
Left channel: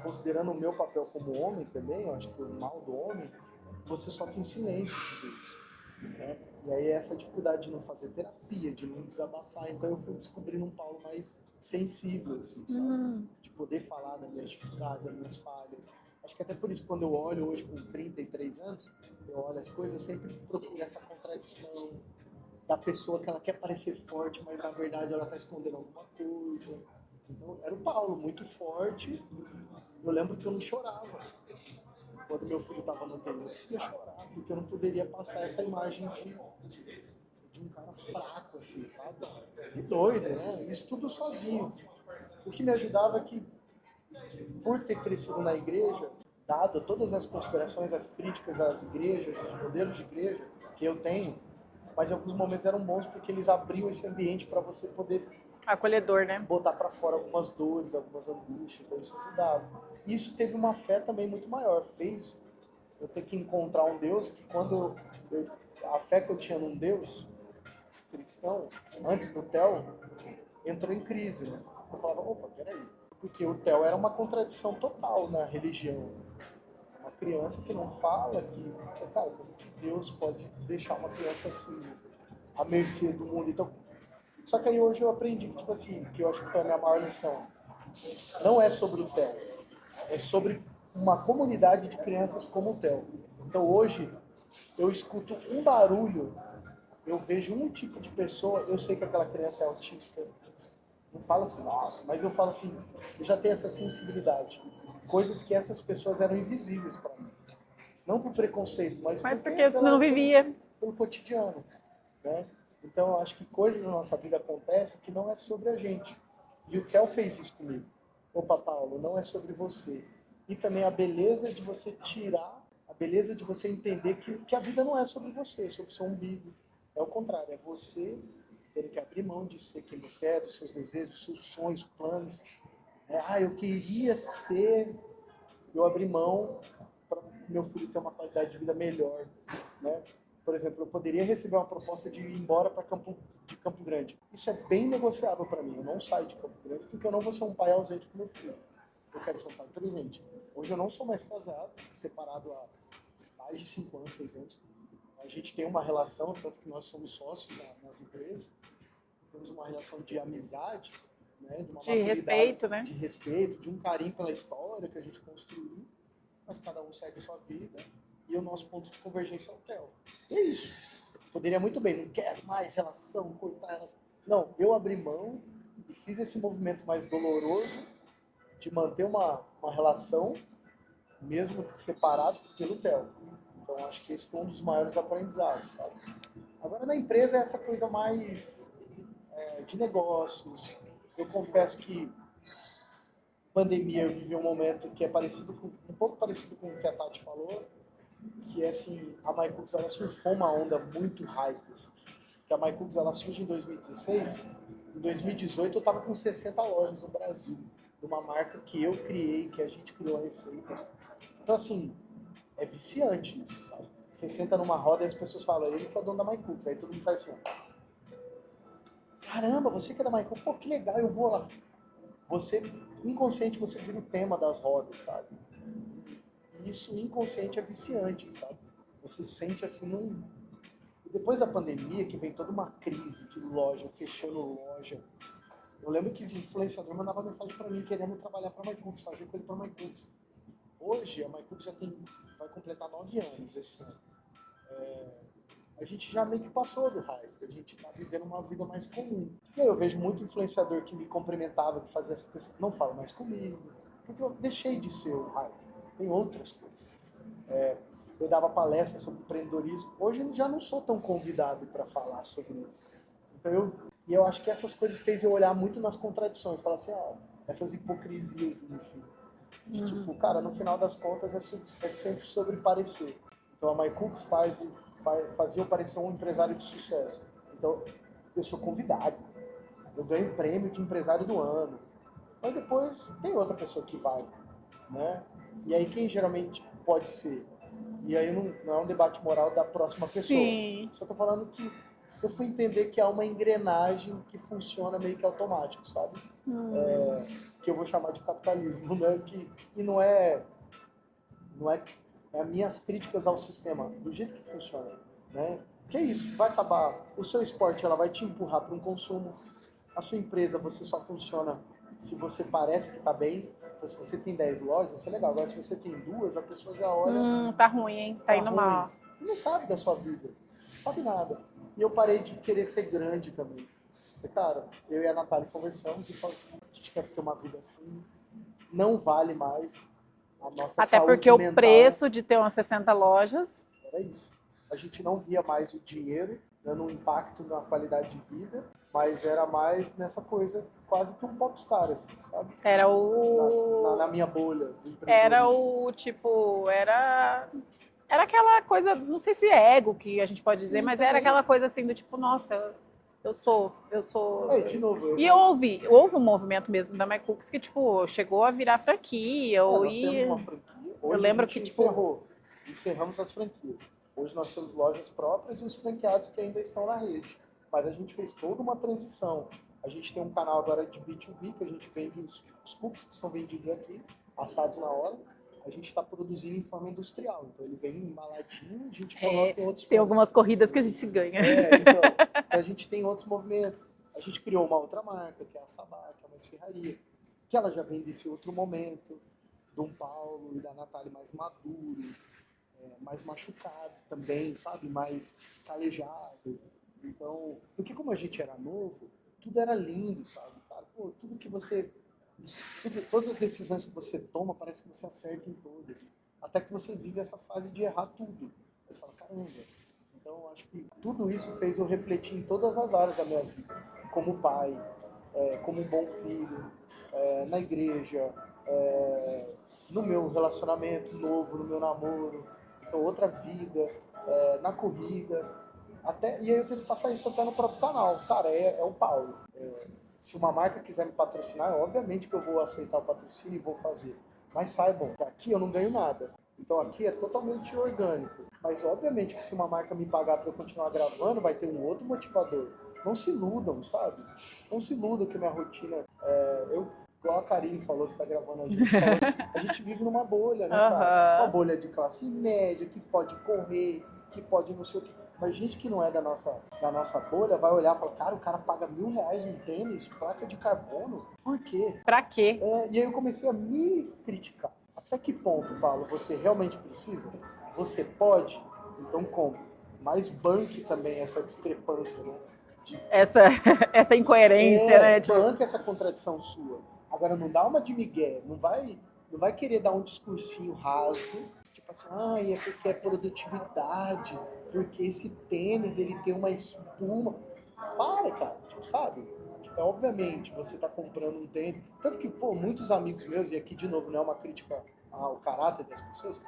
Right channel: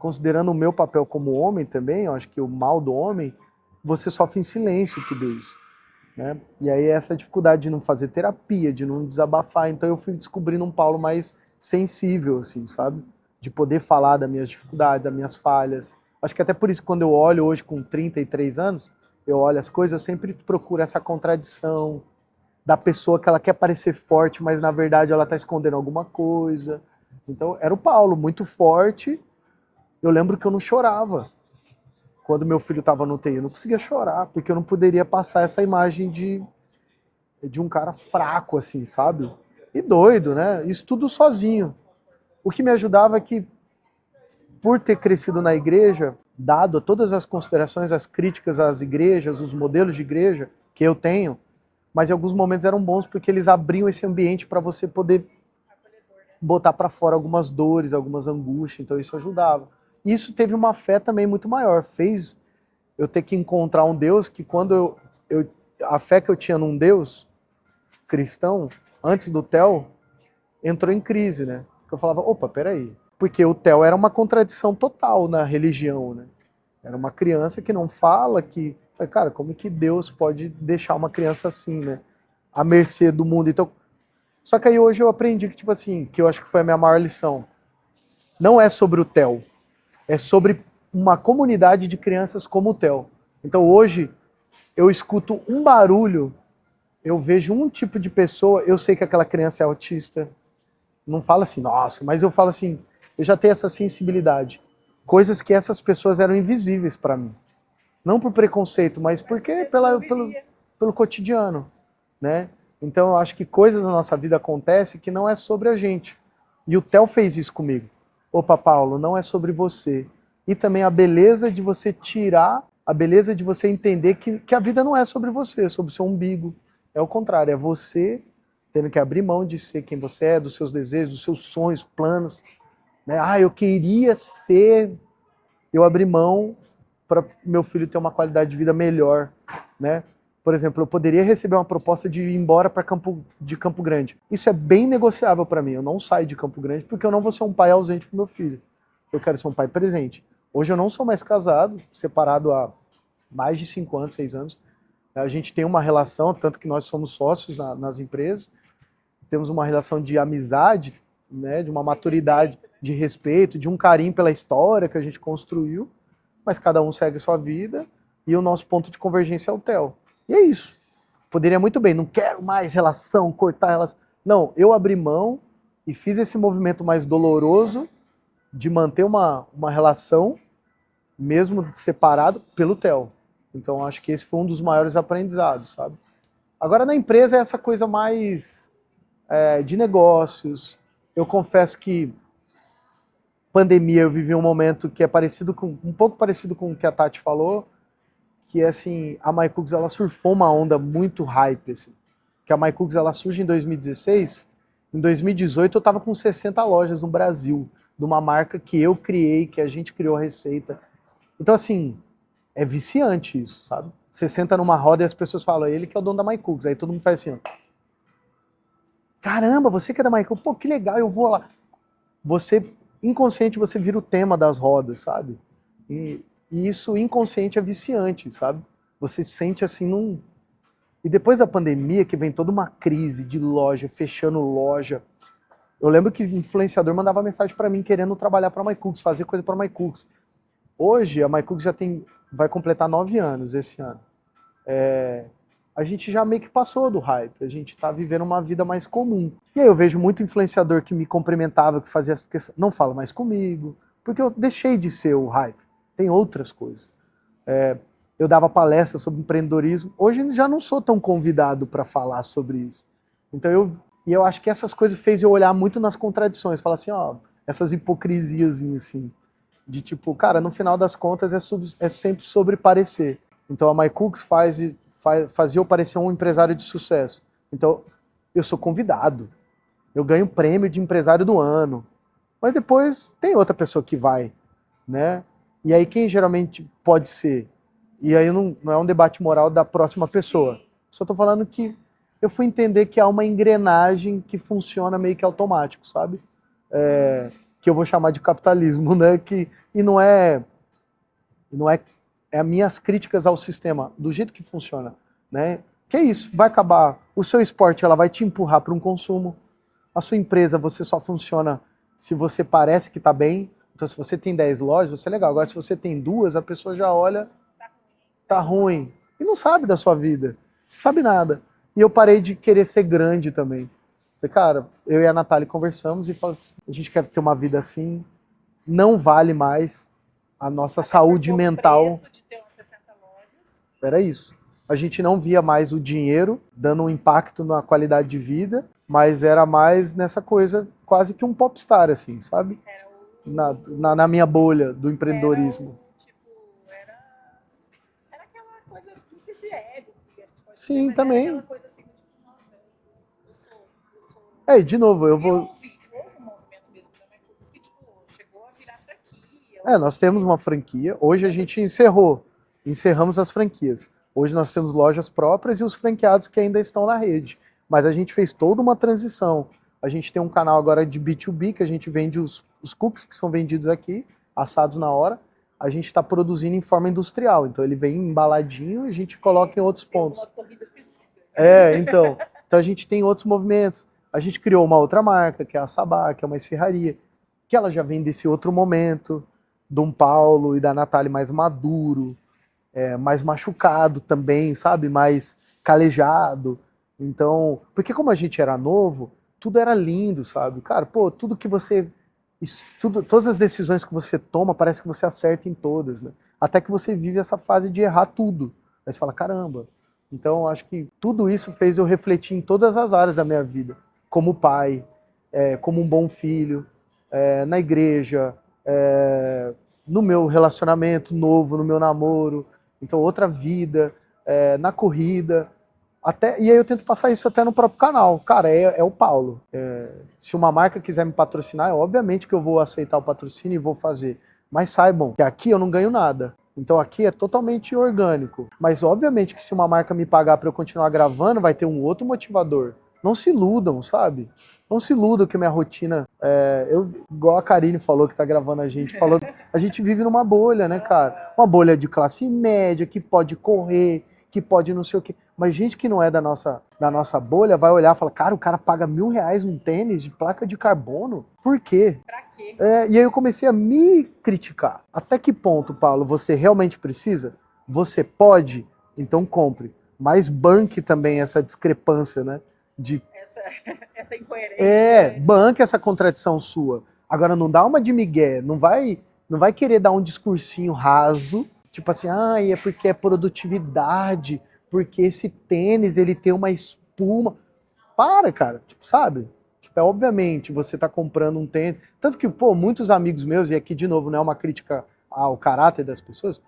considerando o meu papel como homem também, eu acho que o mal do homem, você sofre em silêncio tudo isso, né? E aí essa dificuldade de não fazer terapia, de não desabafar, então eu fui descobrindo um Paulo mais sensível, assim, sabe? De poder falar das minhas dificuldades, das minhas falhas. Acho que até por isso, quando eu olho hoje com 33 anos, eu olho as coisas, eu sempre procuro essa contradição da pessoa que ela quer parecer forte, mas na verdade ela está escondendo alguma coisa. Então era o Paulo, muito forte. Eu lembro que eu não chorava quando meu filho estava no UTI. Eu não conseguia chorar, porque eu não poderia passar essa imagem de um cara fraco, assim, sabe? E doido, né? Isso tudo sozinho. O que me ajudava é que, por ter crescido na igreja, dado todas as considerações, as críticas às igrejas, os modelos de igreja que eu tenho, mas em alguns momentos eram bons porque eles abriam esse ambiente para você poder acolhedor, né? Botar para fora algumas dores, algumas angústias, então isso ajudava. E isso teve uma fé também muito maior, fez eu ter que encontrar um Deus que quando a fé que eu tinha num Deus cristão, antes do Theo, entrou em crise, né? Eu falava, opa, peraí. Porque o Theo era uma contradição total na religião, né? Era uma criança que não fala, que... Cara, como que Deus pode deixar uma criança assim, né? À mercê do mundo. Então, só que aí hoje eu aprendi que, tipo assim, que eu acho que foi a minha maior lição. Não é sobre o Theo. É sobre uma comunidade de crianças como o Theo. Então hoje eu escuto um barulho, eu vejo um tipo de pessoa, eu sei que aquela criança é autista. Não falo assim, nossa, mas eu falo assim, eu já tenho essa sensibilidade. Coisas que essas pessoas eram invisíveis para mim. Não por preconceito, mas porque você não vivia. pelo cotidiano, né? Então eu acho que coisas na nossa vida acontecem que não é sobre a gente. E o Theo fez isso comigo. Opa, Paulo, não é sobre você. E também a beleza de você tirar, a beleza de você entender que a vida não é sobre você, é sobre o seu umbigo. É o contrário, é você tendo que abrir mão de ser quem você é, dos seus desejos, dos seus sonhos, planos. Né? Ah, eu queria ser... Eu abri mão para meu filho ter uma qualidade de vida melhor, né? Por exemplo, eu poderia receber uma proposta de ir embora para Campo Grande. Isso é bem negociável para mim. Eu não saio de Campo Grande porque eu não vou ser um pai ausente para meu filho. Eu quero ser um pai presente. Hoje eu não sou mais casado, separado há mais de 5 anos, 6 anos. A gente tem uma relação, tanto que nós somos sócios nas empresas. Temos uma relação de amizade, né, de uma maturidade, respeito, né? de respeito, de um carinho pela história que a gente construiu, mas cada um segue sua vida e o nosso ponto de convergência é o Theo. E é isso. Poderia muito bem, não quero mais relação, cortar relação. Não, eu abri mão e fiz esse movimento mais doloroso de manter uma relação, mesmo separado, pelo Theo. Então acho que esse foi um dos maiores aprendizados, sabe? Agora na empresa é essa coisa mais de negócios. Eu confesso que pandemia eu vivi um momento que é um pouco parecido com o que a Tati falou, que é assim, a MyCooks ela surfou uma onda muito hype, assim, que a MyCooks ela surge em 2016, em 2018 eu estava com 60 lojas no Brasil, de uma marca que eu criei, que a gente criou a receita. Então assim, é viciante isso, sabe? Você senta numa roda e as pessoas falam, ele que é o dono da MyCooks, aí todo mundo faz assim, ó, caramba, você que é da MyCooks, pô, que legal, eu vou lá. Você, inconsciente, você vira o tema das rodas, sabe? E isso inconsciente é viciante, sabe? Você se sente assim num... E depois da pandemia, que vem toda uma crise de loja, fechando loja. Eu lembro que o influenciador mandava mensagem para mim querendo trabalhar para a MyCooks, fazer coisa para a MyCooks. Hoje, a MyCooks vai completar 9 anos esse ano. A gente já meio que passou do hype, a gente tá vivendo uma vida mais comum. E aí eu vejo muito influenciador que me cumprimentava, que fazia essa questão, não fala mais comigo, porque eu deixei de ser o hype, tem outras coisas. Eu dava palestra sobre empreendedorismo, hoje já não sou tão convidado para falar sobre isso. Então eu acho que essas coisas fez eu olhar muito nas contradições, falar assim, ó, essas hipocrisias assim, de tipo, cara, no final das contas é sempre sobre parecer. Então a MyCooks fazia eu parecer um empresário de sucesso. Então, eu sou convidado. Eu ganho prêmio de empresário do ano. Mas depois tem outra pessoa que vai, né? E aí quem geralmente pode ser? E aí não é um debate moral da próxima pessoa. Sim. Só tô falando que eu fui entender que há uma engrenagem que funciona meio que automático, sabe? Que eu vou chamar de capitalismo, né? E não é as minhas críticas ao sistema, do jeito que funciona, né? Que é isso, vai acabar, o seu esporte ela vai te empurrar para um consumo, a sua empresa você só funciona se você parece que está bem, então se você tem 10 lojas, você é legal, agora se você tem 2, a pessoa já olha... Tá ruim, hein? Tá indo ruim, mal. E não sabe da sua vida, não sabe nada. E eu parei de querer ser grande também. Cara, eu e a Natália conversamos e falamos, a gente quer ter uma vida assim, não vale mais a nossa saúde mental. Até porque o preço de ter umas 60 lojas... Era isso. A gente não via mais o dinheiro dando um impacto na qualidade de vida, mas era mais nessa coisa, quase que um popstar, assim, sabe? Era o... Na minha bolha do empreendedorismo. Era aquela coisa, não sei se é ego que a gente pode dizer, mas também. era aquela coisa assim do tipo, nossa, eu sou... De novo, houve um movimento mesmo da MyCooks que, tipo, chegou a virar franquia. Nós temos uma franquia. Hoje a gente encerramos as franquias. Hoje nós temos lojas próprias e os franqueados que ainda estão na rede. Mas a gente fez toda uma transição. A gente tem um canal agora de B2B, que a gente vende os cookies que são vendidos aqui, assados na hora. A gente está produzindo em forma industrial. Então ele vem embaladinho e a gente coloca em outros pontos. Tem algumas corridas que a gente ganha. Então a gente tem outros movimentos. A gente criou uma outra marca, que é a Sabá, que é uma esfirraria, que ela já vem desse outro momento, Dom Paulo e da Natália mais maduro, mais machucado também, sabe? Mais calejado. Então, porque como a gente era novo, tudo era lindo, sabe? Cara, pô, tudo que você... todas as decisões que você toma, parece que você acerta em todas, né? Até que você vive essa fase de errar tudo. Aí você fala, caramba. Então, acho que tudo isso fez eu refletir em todas as áreas da minha vida. Como pai, como um bom filho, na igreja, no meu relacionamento novo, no meu namoro. Então, outra vida, na corrida. E aí eu tento passar isso até no próprio canal. Cara, é o Paulo. Se uma marca quiser me patrocinar, obviamente que eu vou aceitar o patrocínio e vou fazer. Mas saibam que aqui eu não ganho nada. Então aqui é totalmente orgânico. Mas obviamente que se uma marca me pagar para eu continuar gravando, vai ter um outro motivador. Não se iludam, sabe? Não se iludam que minha rotina... igual a Karine falou, que tá gravando a gente, falou que a gente vive numa bolha, né, cara? Uma bolha de classe média, que pode correr, que pode não sei o quê. Mas gente que não é da nossa bolha vai olhar e falar, cara, o cara paga R$1.000 num tênis de placa de carbono? Por quê? Pra quê? E aí eu comecei a me criticar. Até que ponto, Paulo, você realmente precisa? Você pode? Então compre. Mas banque também essa discrepância, né? Essa incoerência. Banque essa contradição sua. Agora, não dá uma de migué. Não vai querer dar um discursinho raso, tipo assim, é porque é produtividade, porque esse tênis, ele tem uma espuma. Para, cara, tipo, sabe? Tipo, obviamente, você tá comprando um tênis. Tanto que, pô, muitos amigos meus, e aqui, de novo, não é uma crítica ao caráter das pessoas,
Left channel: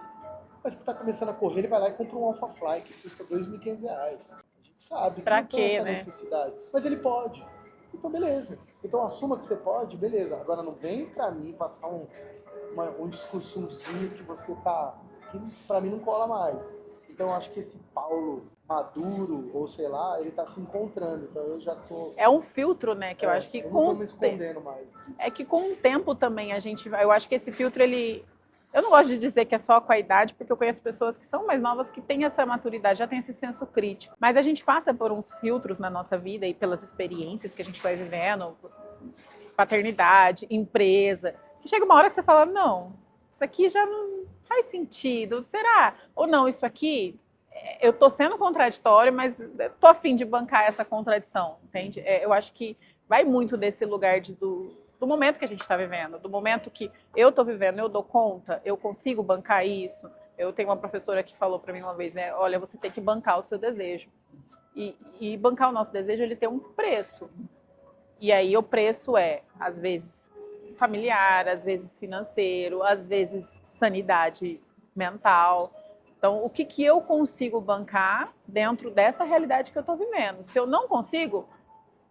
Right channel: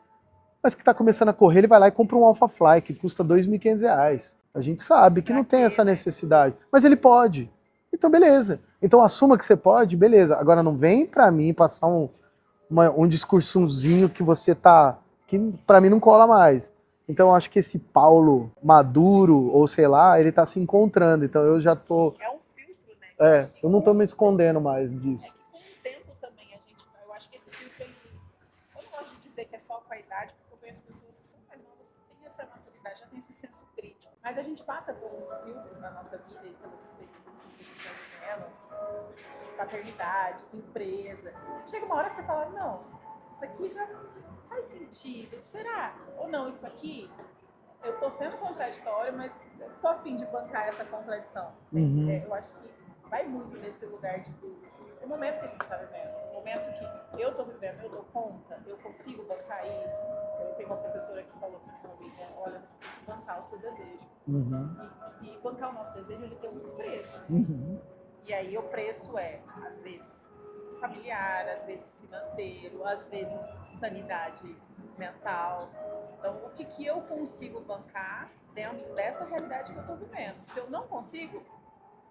mas que tá começando a correr, ele vai lá e compra um Alpha Fly, que custa R$2.500. A gente sabe que Pra não tem quê, essa né? necessidade. Mas ele pode. Então, beleza. Então, assuma que você pode, beleza. Agora, não vem pra mim passar um discursozinho que você tá... que pra mim não cola mais. Então, eu acho que esse Paulo maduro, ou sei lá, ele tá se encontrando. Então, eu já tô... É um filtro, né? Que eu acho que eu não tô me escondendo mais disso. É que com o tempo também a gente vai... Eu acho que esse filtro, ele... Eu não gosto de dizer que é só com a idade, porque eu conheço pessoas que são mais novas, que têm essa maturidade, já têm esse senso crítico. Mas a gente passa por uns filtros na nossa vida e pelas experiências que a gente vai vivendo, paternidade, empresa, que chega uma hora que você fala, não, isso aqui já não faz sentido, será? Ou não, isso aqui, eu tô sendo contraditório, mas tô a fim de bancar essa contradição, entende? Uhum. Eu acho que vai muito desse lugar do momento que a gente está vivendo, do momento que eu estou vivendo, eu dou conta, eu consigo bancar isso. Eu tenho uma professora que falou para mim uma vez, né? Olha, você tem que bancar o seu desejo. Uhum. E bancar o nosso desejo, ele tem um preço. Uhum. E aí o preço é, às vezes, familiar, às vezes financeiro, às vezes sanidade mental. Então, o que eu consigo bancar dentro dessa realidade que eu estou vivendo? Se eu não consigo,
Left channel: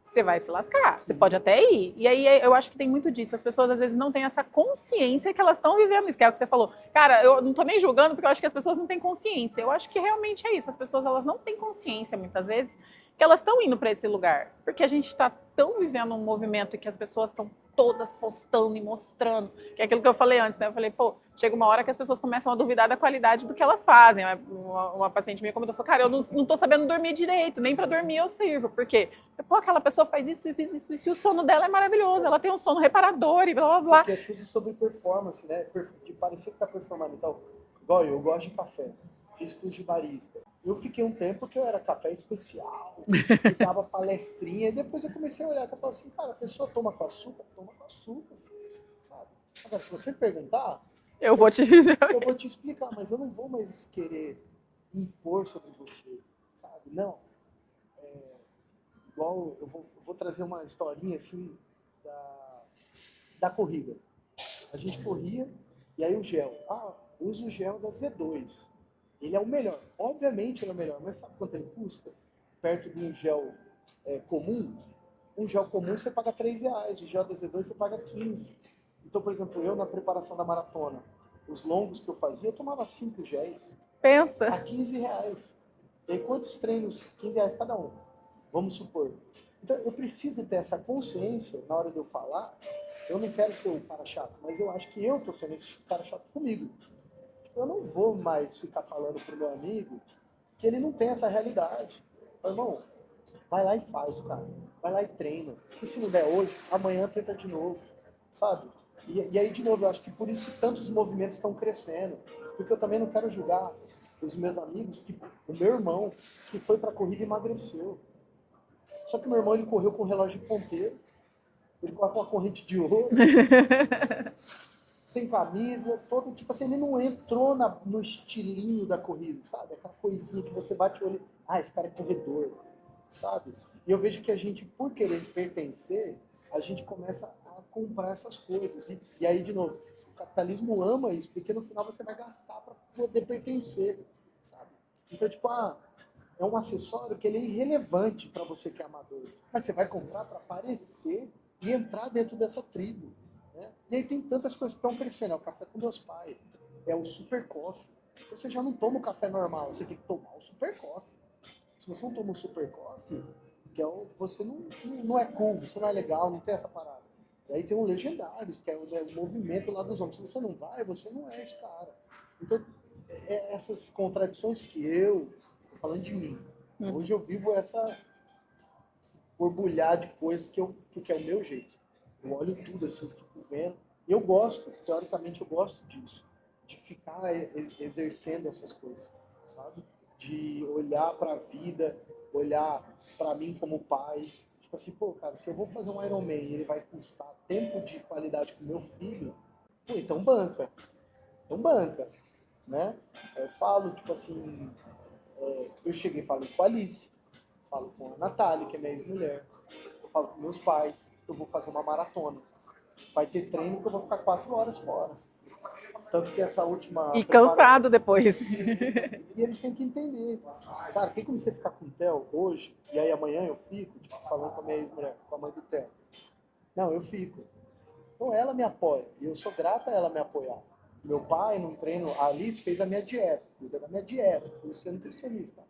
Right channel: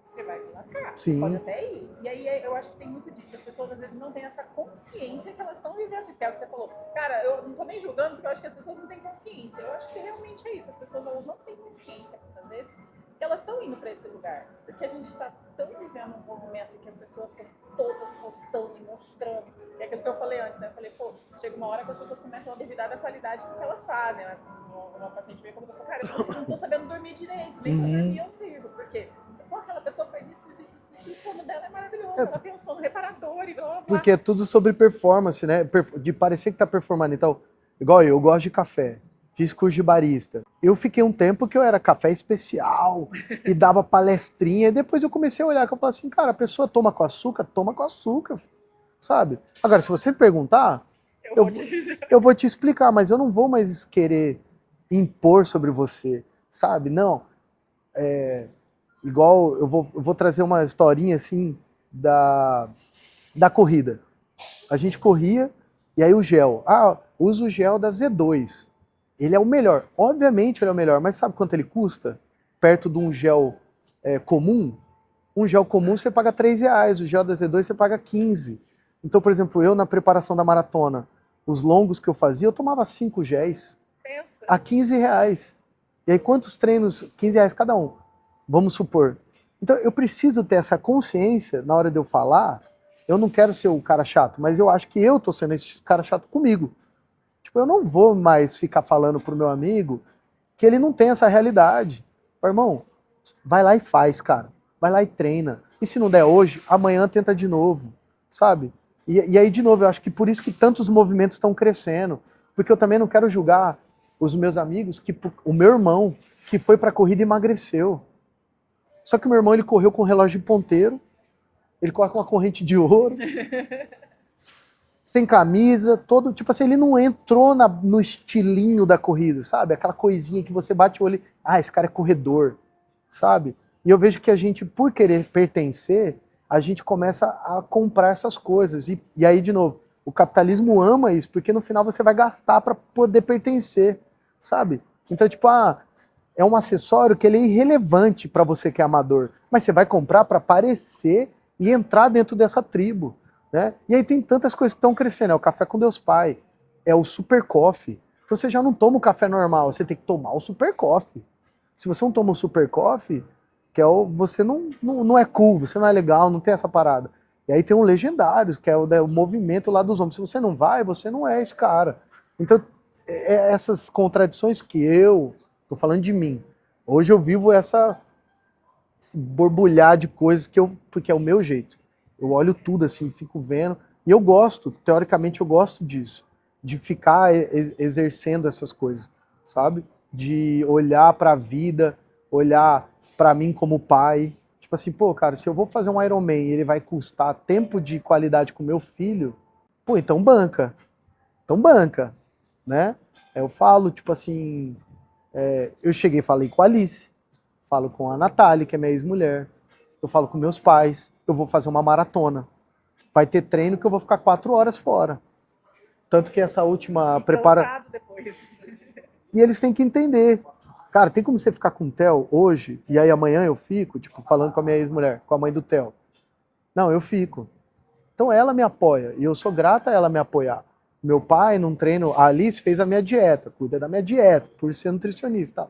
você vai se lascar, Sim. Você pode até ir. E aí eu acho que tem muito disso. As pessoas às vezes não têm essa consciência que elas estão vivendo isso, que é o que você falou. Cara, eu não tô nem julgando porque eu acho que as pessoas não têm consciência. Eu acho que realmente é isso. As pessoas elas não têm consciência muitas vezes que elas estão indo para esse lugar. Porque a gente está tão vivendo um movimento que as pessoas estão todas postando e mostrando. Que é aquilo que eu falei antes, né? Eu falei, pô, chega uma hora que as pessoas começam a duvidar da qualidade do que elas fazem. Uma paciente minha comentou, falou, cara, eu não tô sabendo dormir direito, nem para dormir eu sirvo. Por quê? Pô, aquela pessoa faz isso, e o sono dela é maravilhoso, ela tem um sono reparador e blá, blá, blá. Porque é tudo sobre performance, né? De parecer que tá performando. Então, igual eu gosto de café. Fiz curso de barista. Eu fiquei um tempo que eu era café especial e dava palestrinha. E depois eu comecei a olhar, que eu falei assim, cara, a pessoa toma com açúcar, sabe? Agora, se você perguntar, eu vou te dizer. Eu vou te explicar, mas eu não vou mais querer impor sobre você, sabe? Não. Igual, eu vou trazer uma historinha assim da corrida. A gente corria e aí o gel. Usa o gel da Z2. Ele é o melhor. Obviamente ele é o melhor, mas sabe quanto ele custa? Perto de um gel comum? Um gel comum você paga R$3, o gel da Z2 você paga 15. Então, por exemplo, eu na preparação da maratona, os longos que eu fazia, eu tomava 5 géis. Pensa. A R$15. E aí quantos treinos? R$15 cada um. Vamos supor. Então eu preciso ter essa consciência na hora de eu falar. Eu não quero ser o cara chato, mas eu acho que eu tô sendo esse cara chato comigo. Tipo, eu não vou mais ficar falando pro meu amigo que ele não tem essa realidade. Irmão, vai lá e faz, cara. Vai lá e treina. E se não der hoje, amanhã tenta de novo, sabe? E aí, de novo, eu acho que por isso que tantos movimentos estão crescendo. Porque eu também não quero julgar os meus amigos, o meu irmão, que foi pra corrida e emagreceu. Só que o meu irmão, ele correu com relógio de ponteiro, ele corre com uma corrente de ouro, sem camisa, todo, tipo assim, ele não entrou no estilinho da corrida, sabe? Aquela coisinha que você bate o olho e, esse cara é corredor, sabe? E eu vejo que a gente, por querer pertencer, a gente começa a comprar essas coisas. E aí, de novo, o capitalismo ama isso, porque no final você vai gastar para poder pertencer, sabe? Então, tipo, é um acessório que ele é irrelevante para você que é amador, mas você vai comprar para aparecer e entrar dentro dessa tribo, né? E aí tem tantas coisas que estão crescendo, é o café com Deus Pai, é o super coffee. Então você já não toma o café normal, você tem que tomar o super coffee. Se você não toma o super coffee, você não é cool, você não é legal, não tem essa parada. E aí tem o Legendários, que é o movimento lá dos homens. Se você não vai, você não é esse cara. Então, essas contradições que tô falando de mim. Hoje eu vivo esse borbulhar de coisas porque é o meu jeito. Eu olho tudo assim, fico vendo. E eu gosto, teoricamente eu gosto disso. De ficar exercendo essas coisas, sabe? De olhar para a vida, olhar para mim como pai. Tipo assim, pô, cara, se eu vou fazer um Ironman e ele vai custar tempo de qualidade com meu filho, pô, então banca. Então banca, né? Eu falo, tipo assim, eu cheguei e falei com a Alice, falo com a Natália, que é minha ex-mulher, eu falo com meus pais, eu vou fazer uma maratona. Vai ter treino que eu vou ficar 4 horas fora. Tanto que essa última cansado depois. E eles têm que entender. Cara, tem como você ficar com o Theo hoje, e aí amanhã eu fico, tipo, falando com a minha ex-mulher, com a mãe do Theo. Não, eu fico. Então ela me apoia, e eu sou grata a ela me apoiar. Meu pai, num treino, a Alice fez a minha dieta, cuida da minha dieta, por ser nutricionista.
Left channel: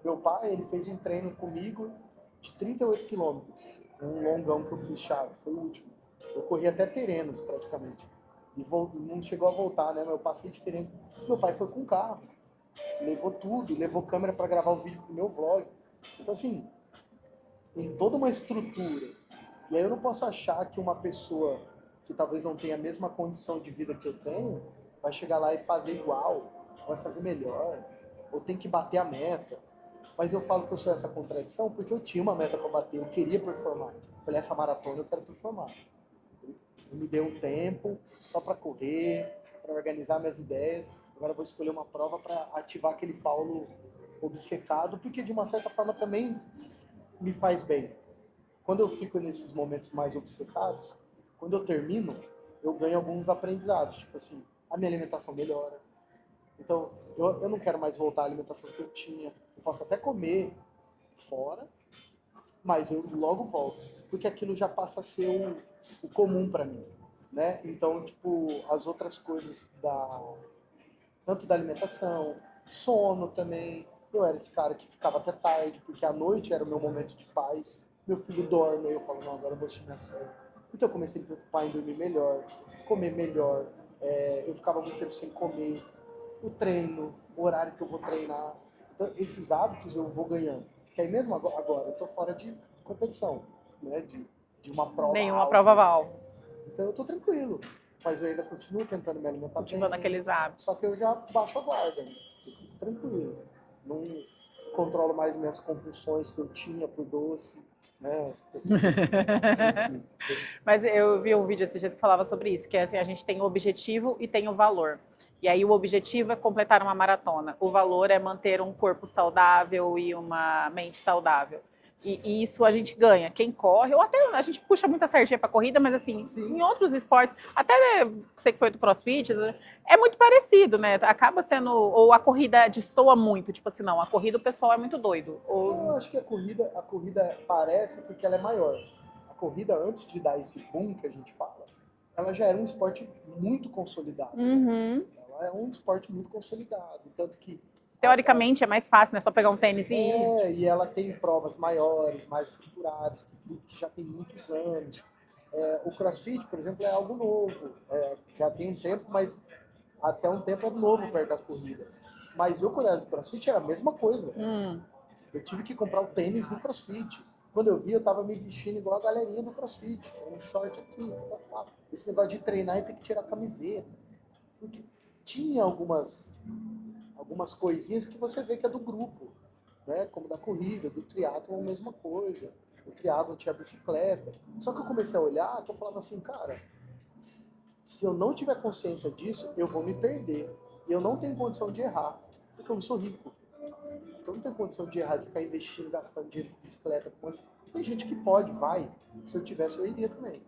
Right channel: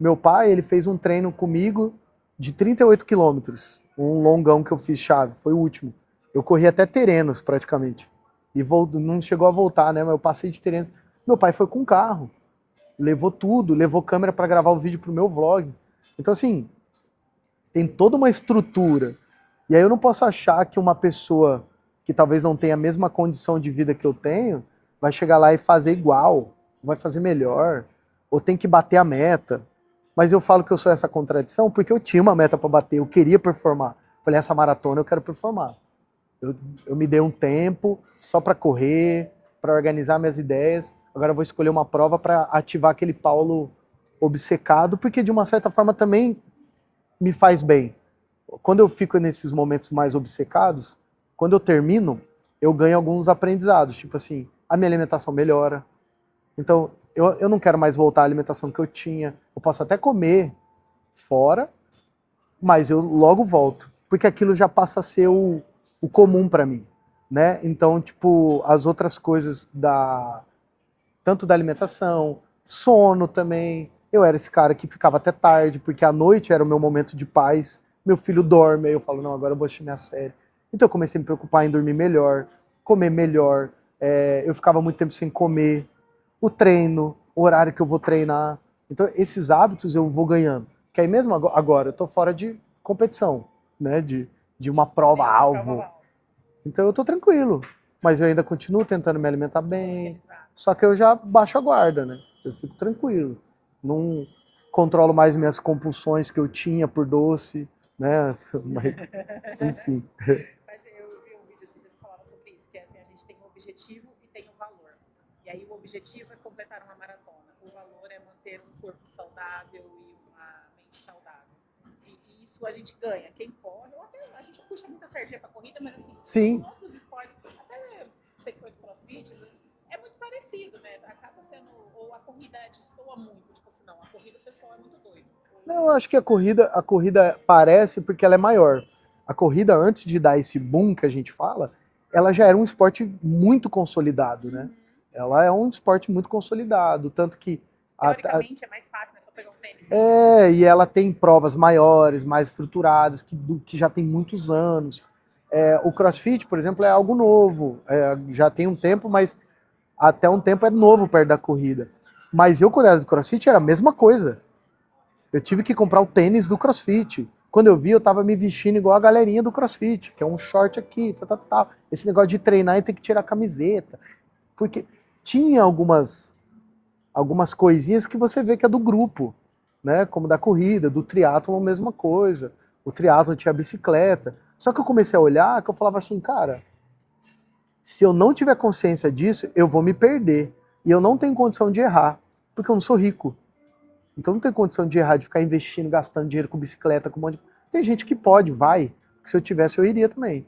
Meu pai, ele fez um treino comigo de 38 quilômetros, um longão que eu fiz chave, foi o último. Eu corri até Terenos, praticamente. E não chegou a voltar, né, mas eu passei de Terenos. Meu pai foi com carro, levou tudo, levou câmera para gravar o vídeo pro meu vlog. Então, assim, tem toda uma estrutura. E aí eu não posso achar que uma pessoa que talvez não tenha a mesma condição de vida que eu tenho, vai chegar lá e fazer igual, vai fazer melhor, ou tem que bater a meta. Mas eu falo que eu sou essa contradição porque eu tinha uma meta para bater, eu queria performar. Falei, essa maratona eu quero performar. Eu me dei um tempo só para correr, para organizar minhas ideias. Agora eu vou escolher uma prova para ativar aquele Paulo obcecado, porque de uma certa forma também me faz bem. Quando eu fico nesses momentos mais obcecados, quando eu termino, eu ganho alguns aprendizados. Tipo assim, a minha alimentação melhora. Então, eu não quero mais voltar à alimentação que eu tinha. Eu posso até comer fora, mas eu logo volto. Porque aquilo já passa a ser o comum para mim, né? Então, tipo, as outras coisas tanto da alimentação, sono também. Eu era esse cara que ficava até tarde, porque à noite era o meu momento de paz. Meu filho dorme, aí eu falo, não, agora eu vou assistir minha série. Então eu comecei a me preocupar em dormir melhor, comer melhor. Eu ficava muito tempo sem comer. O treino, o horário que eu vou treinar. Então esses hábitos eu vou ganhando. Que aí mesmo agora eu tô fora de competição, né? De uma prova-alvo. Prova-alvo. Então eu tô tranquilo. Mas eu ainda continuo tentando me alimentar bem. Aqueles hábitos. Só que eu já baixo a guarda, né? Eu fico tranquilo. Não controlo mais minhas compulsões que eu tinha por doce, né? Enfim. Mas eu vi um vídeo esses dias que falava sobre isso, que é assim, a gente tem o objetivo e tem o valor. E aí o objetivo é completar uma maratona. O valor é manter um corpo saudável e uma mente saudável. E isso a gente ganha. Quem corre, ou até a gente puxa muita sardinha para corrida, mas assim, Sim. Em outros esportes, até você que foi do CrossFit, é muito parecido, né? Acaba sendo, ou a corrida destoa muito, tipo assim, não, a corrida o pessoal é muito doido. Eu acho que a corrida parece porque ela é maior. A corrida, antes de dar esse boom que a gente fala, ela já era um esporte muito consolidado, né? Ela é um esporte muito consolidado, tanto que teoricamente é mais fácil, né? Só pegar um tênis e ela tem provas maiores, mais estruturadas, que já tem muitos anos. O CrossFit, por exemplo, é algo novo. Já tem um tempo, mas até um tempo é novo perto da corrida. Mas eu, quando era do CrossFit, era a mesma coisa. Eu tive que comprar o tênis do CrossFit. Quando eu vi, eu tava me vestindo igual a galerinha do CrossFit, que é um short aqui, tal. Esse negócio de treinar e ter que tirar a camiseta. Porque tinha algumas algumas coisinhas que você vê que é do grupo, né? Como da corrida, do triatlon, a mesma coisa. O triatlon tinha bicicleta. Só que eu comecei a olhar, que eu falava assim, cara, se eu não tiver consciência disso, eu vou me perder. E eu não tenho condição de errar, porque eu não sou rico. Então não tenho condição de errar, de ficar investindo, gastando dinheiro com bicicleta, com um monte de... Tem gente que pode, vai. Que se eu tivesse, eu iria também.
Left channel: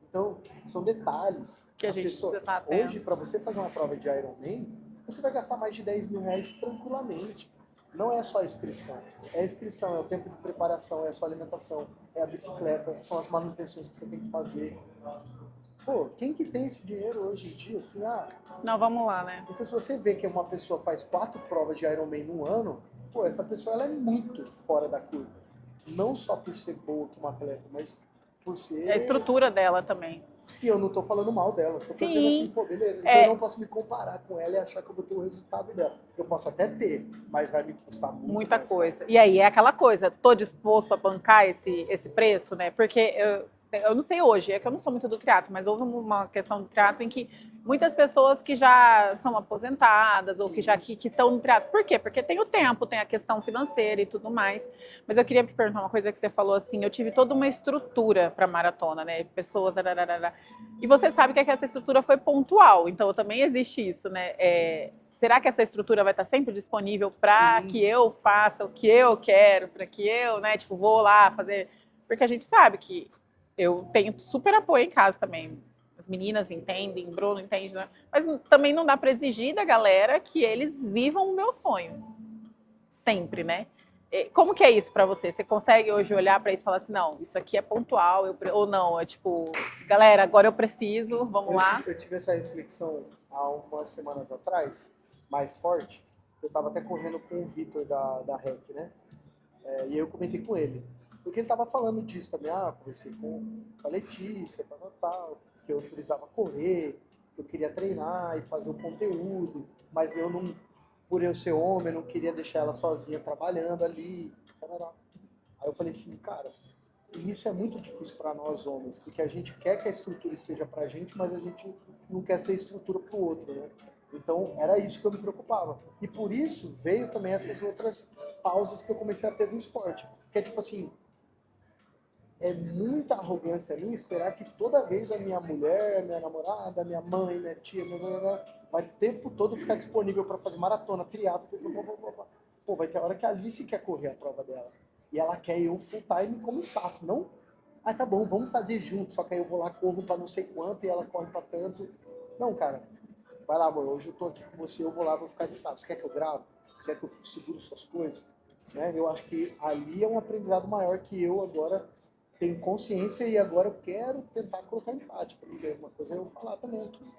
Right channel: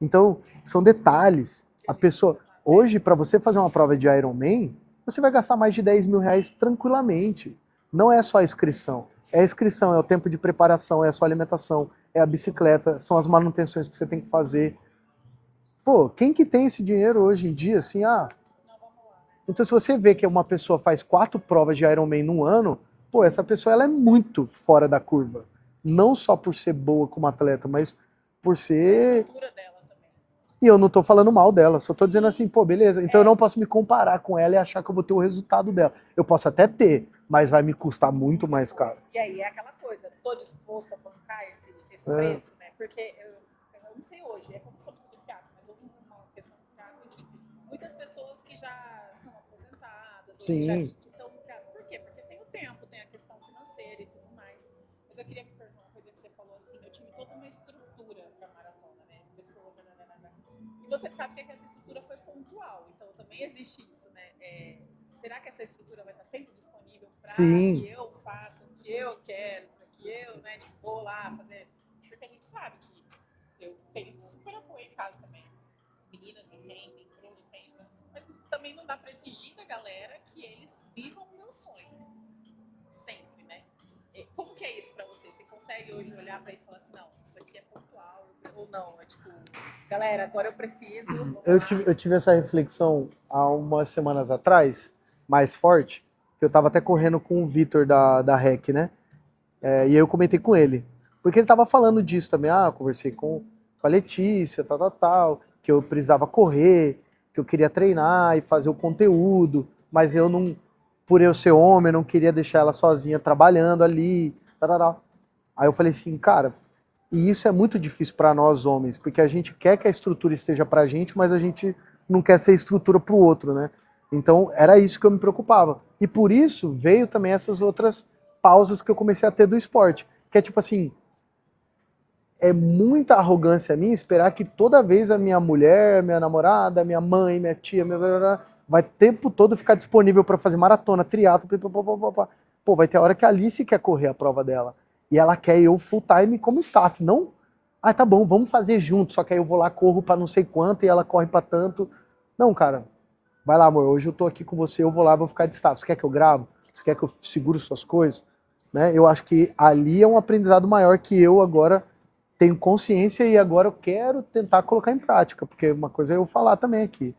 Então, são detalhes. Que A pessoa, hoje, para você fazer uma prova de Ironman, você vai gastar mais de 10 mil reais tranquilamente. Não é só a inscrição. É a inscrição, é o tempo de preparação, é a sua alimentação, é a bicicleta, são as manutenções que você tem que fazer. Pô, quem que tem esse dinheiro hoje em dia, assim, Não, vamos lá, né? Então, se você vê que uma pessoa faz 4 provas de Ironman num ano, pô, essa pessoa ela é muito fora da curva. Não só por ser boa como atleta, mas por ser... A estrutura dela também. E eu não tô falando mal dela, só tô Sim. dizendo assim, pô, beleza, então eu não posso me comparar com ela e achar que eu vou ter o resultado dela. Eu posso até ter, mas vai me custar muito mais coisa. caro. E aí é aquela coisa, tô disposto a bancar esse preço, né? Porque eu não sei hoje, é que eu não sou muito do triatlo, mas houve uma questão do triatlo em que muitas pessoas que já são aposentadas ou Sim. que já que estão no triatlo. Por quê? Porque tem o tempo, tem a questão financeira e tudo mais. Mas eu queria te perguntar uma coisa que você falou assim, eu tive toda uma estrutura para maratona, né? Pessoas, e você sabe que essa estrutura foi pontual, então também existe isso, né? Será que essa estrutura vai estar sempre disponível para que eu faça o que eu quero, para que eu, né, tipo, vou lá fazer... Porque a gente sabe que eu tenho super apoio em casa também. As meninas entendem, Bruno entende, né? Mas também não dá para exigir da galera que eles vivam o meu sonho. Sempre, né? Como que é isso para você? Você consegue hoje olhar para isso e falar assim, não, isso aqui é pontual, ou não? É tipo, galera, agora eu preciso, vamos lá. Eu tive essa reflexão há umas semanas atrás, mais forte, que eu tava até correndo com o Vitor da REC, né? E aí eu comentei com ele. Porque ele tava falando disso também. Eu conversei com a Letícia, tal, que eu precisava correr, que eu queria treinar e fazer o conteúdo, mas eu não, por eu ser homem, eu não queria deixar ela sozinha trabalhando ali, tal. Aí eu falei assim, cara, e isso é muito difícil para nós homens, porque a gente quer que a estrutura esteja pra gente, mas a gente não quer ser estrutura pro outro, né? Então era isso que eu me preocupava. E por isso veio também essas outras pausas que eu comecei a ter do esporte, que é tipo assim, é muita arrogância minha esperar que toda vez a minha mulher, minha namorada, minha mãe, minha tia, vai o tempo todo ficar disponível para fazer maratona, triatlo, pô, vai ter hora que a Alice quer correr a prova dela. E ela quer eu full time como staff, não? Tá bom, vamos fazer junto, só que aí eu vou lá, corro para não sei quanto e ela corre para tanto. Não, cara, vai lá, amor, hoje eu tô aqui com você, eu vou lá, vou ficar de staff. Você quer que eu gravo? Você quer que eu segure suas coisas? Né? Eu acho que ali é um aprendizado maior que eu agora tenho consciência e agora eu quero tentar colocar em prática, porque uma coisa é eu falar também aqui.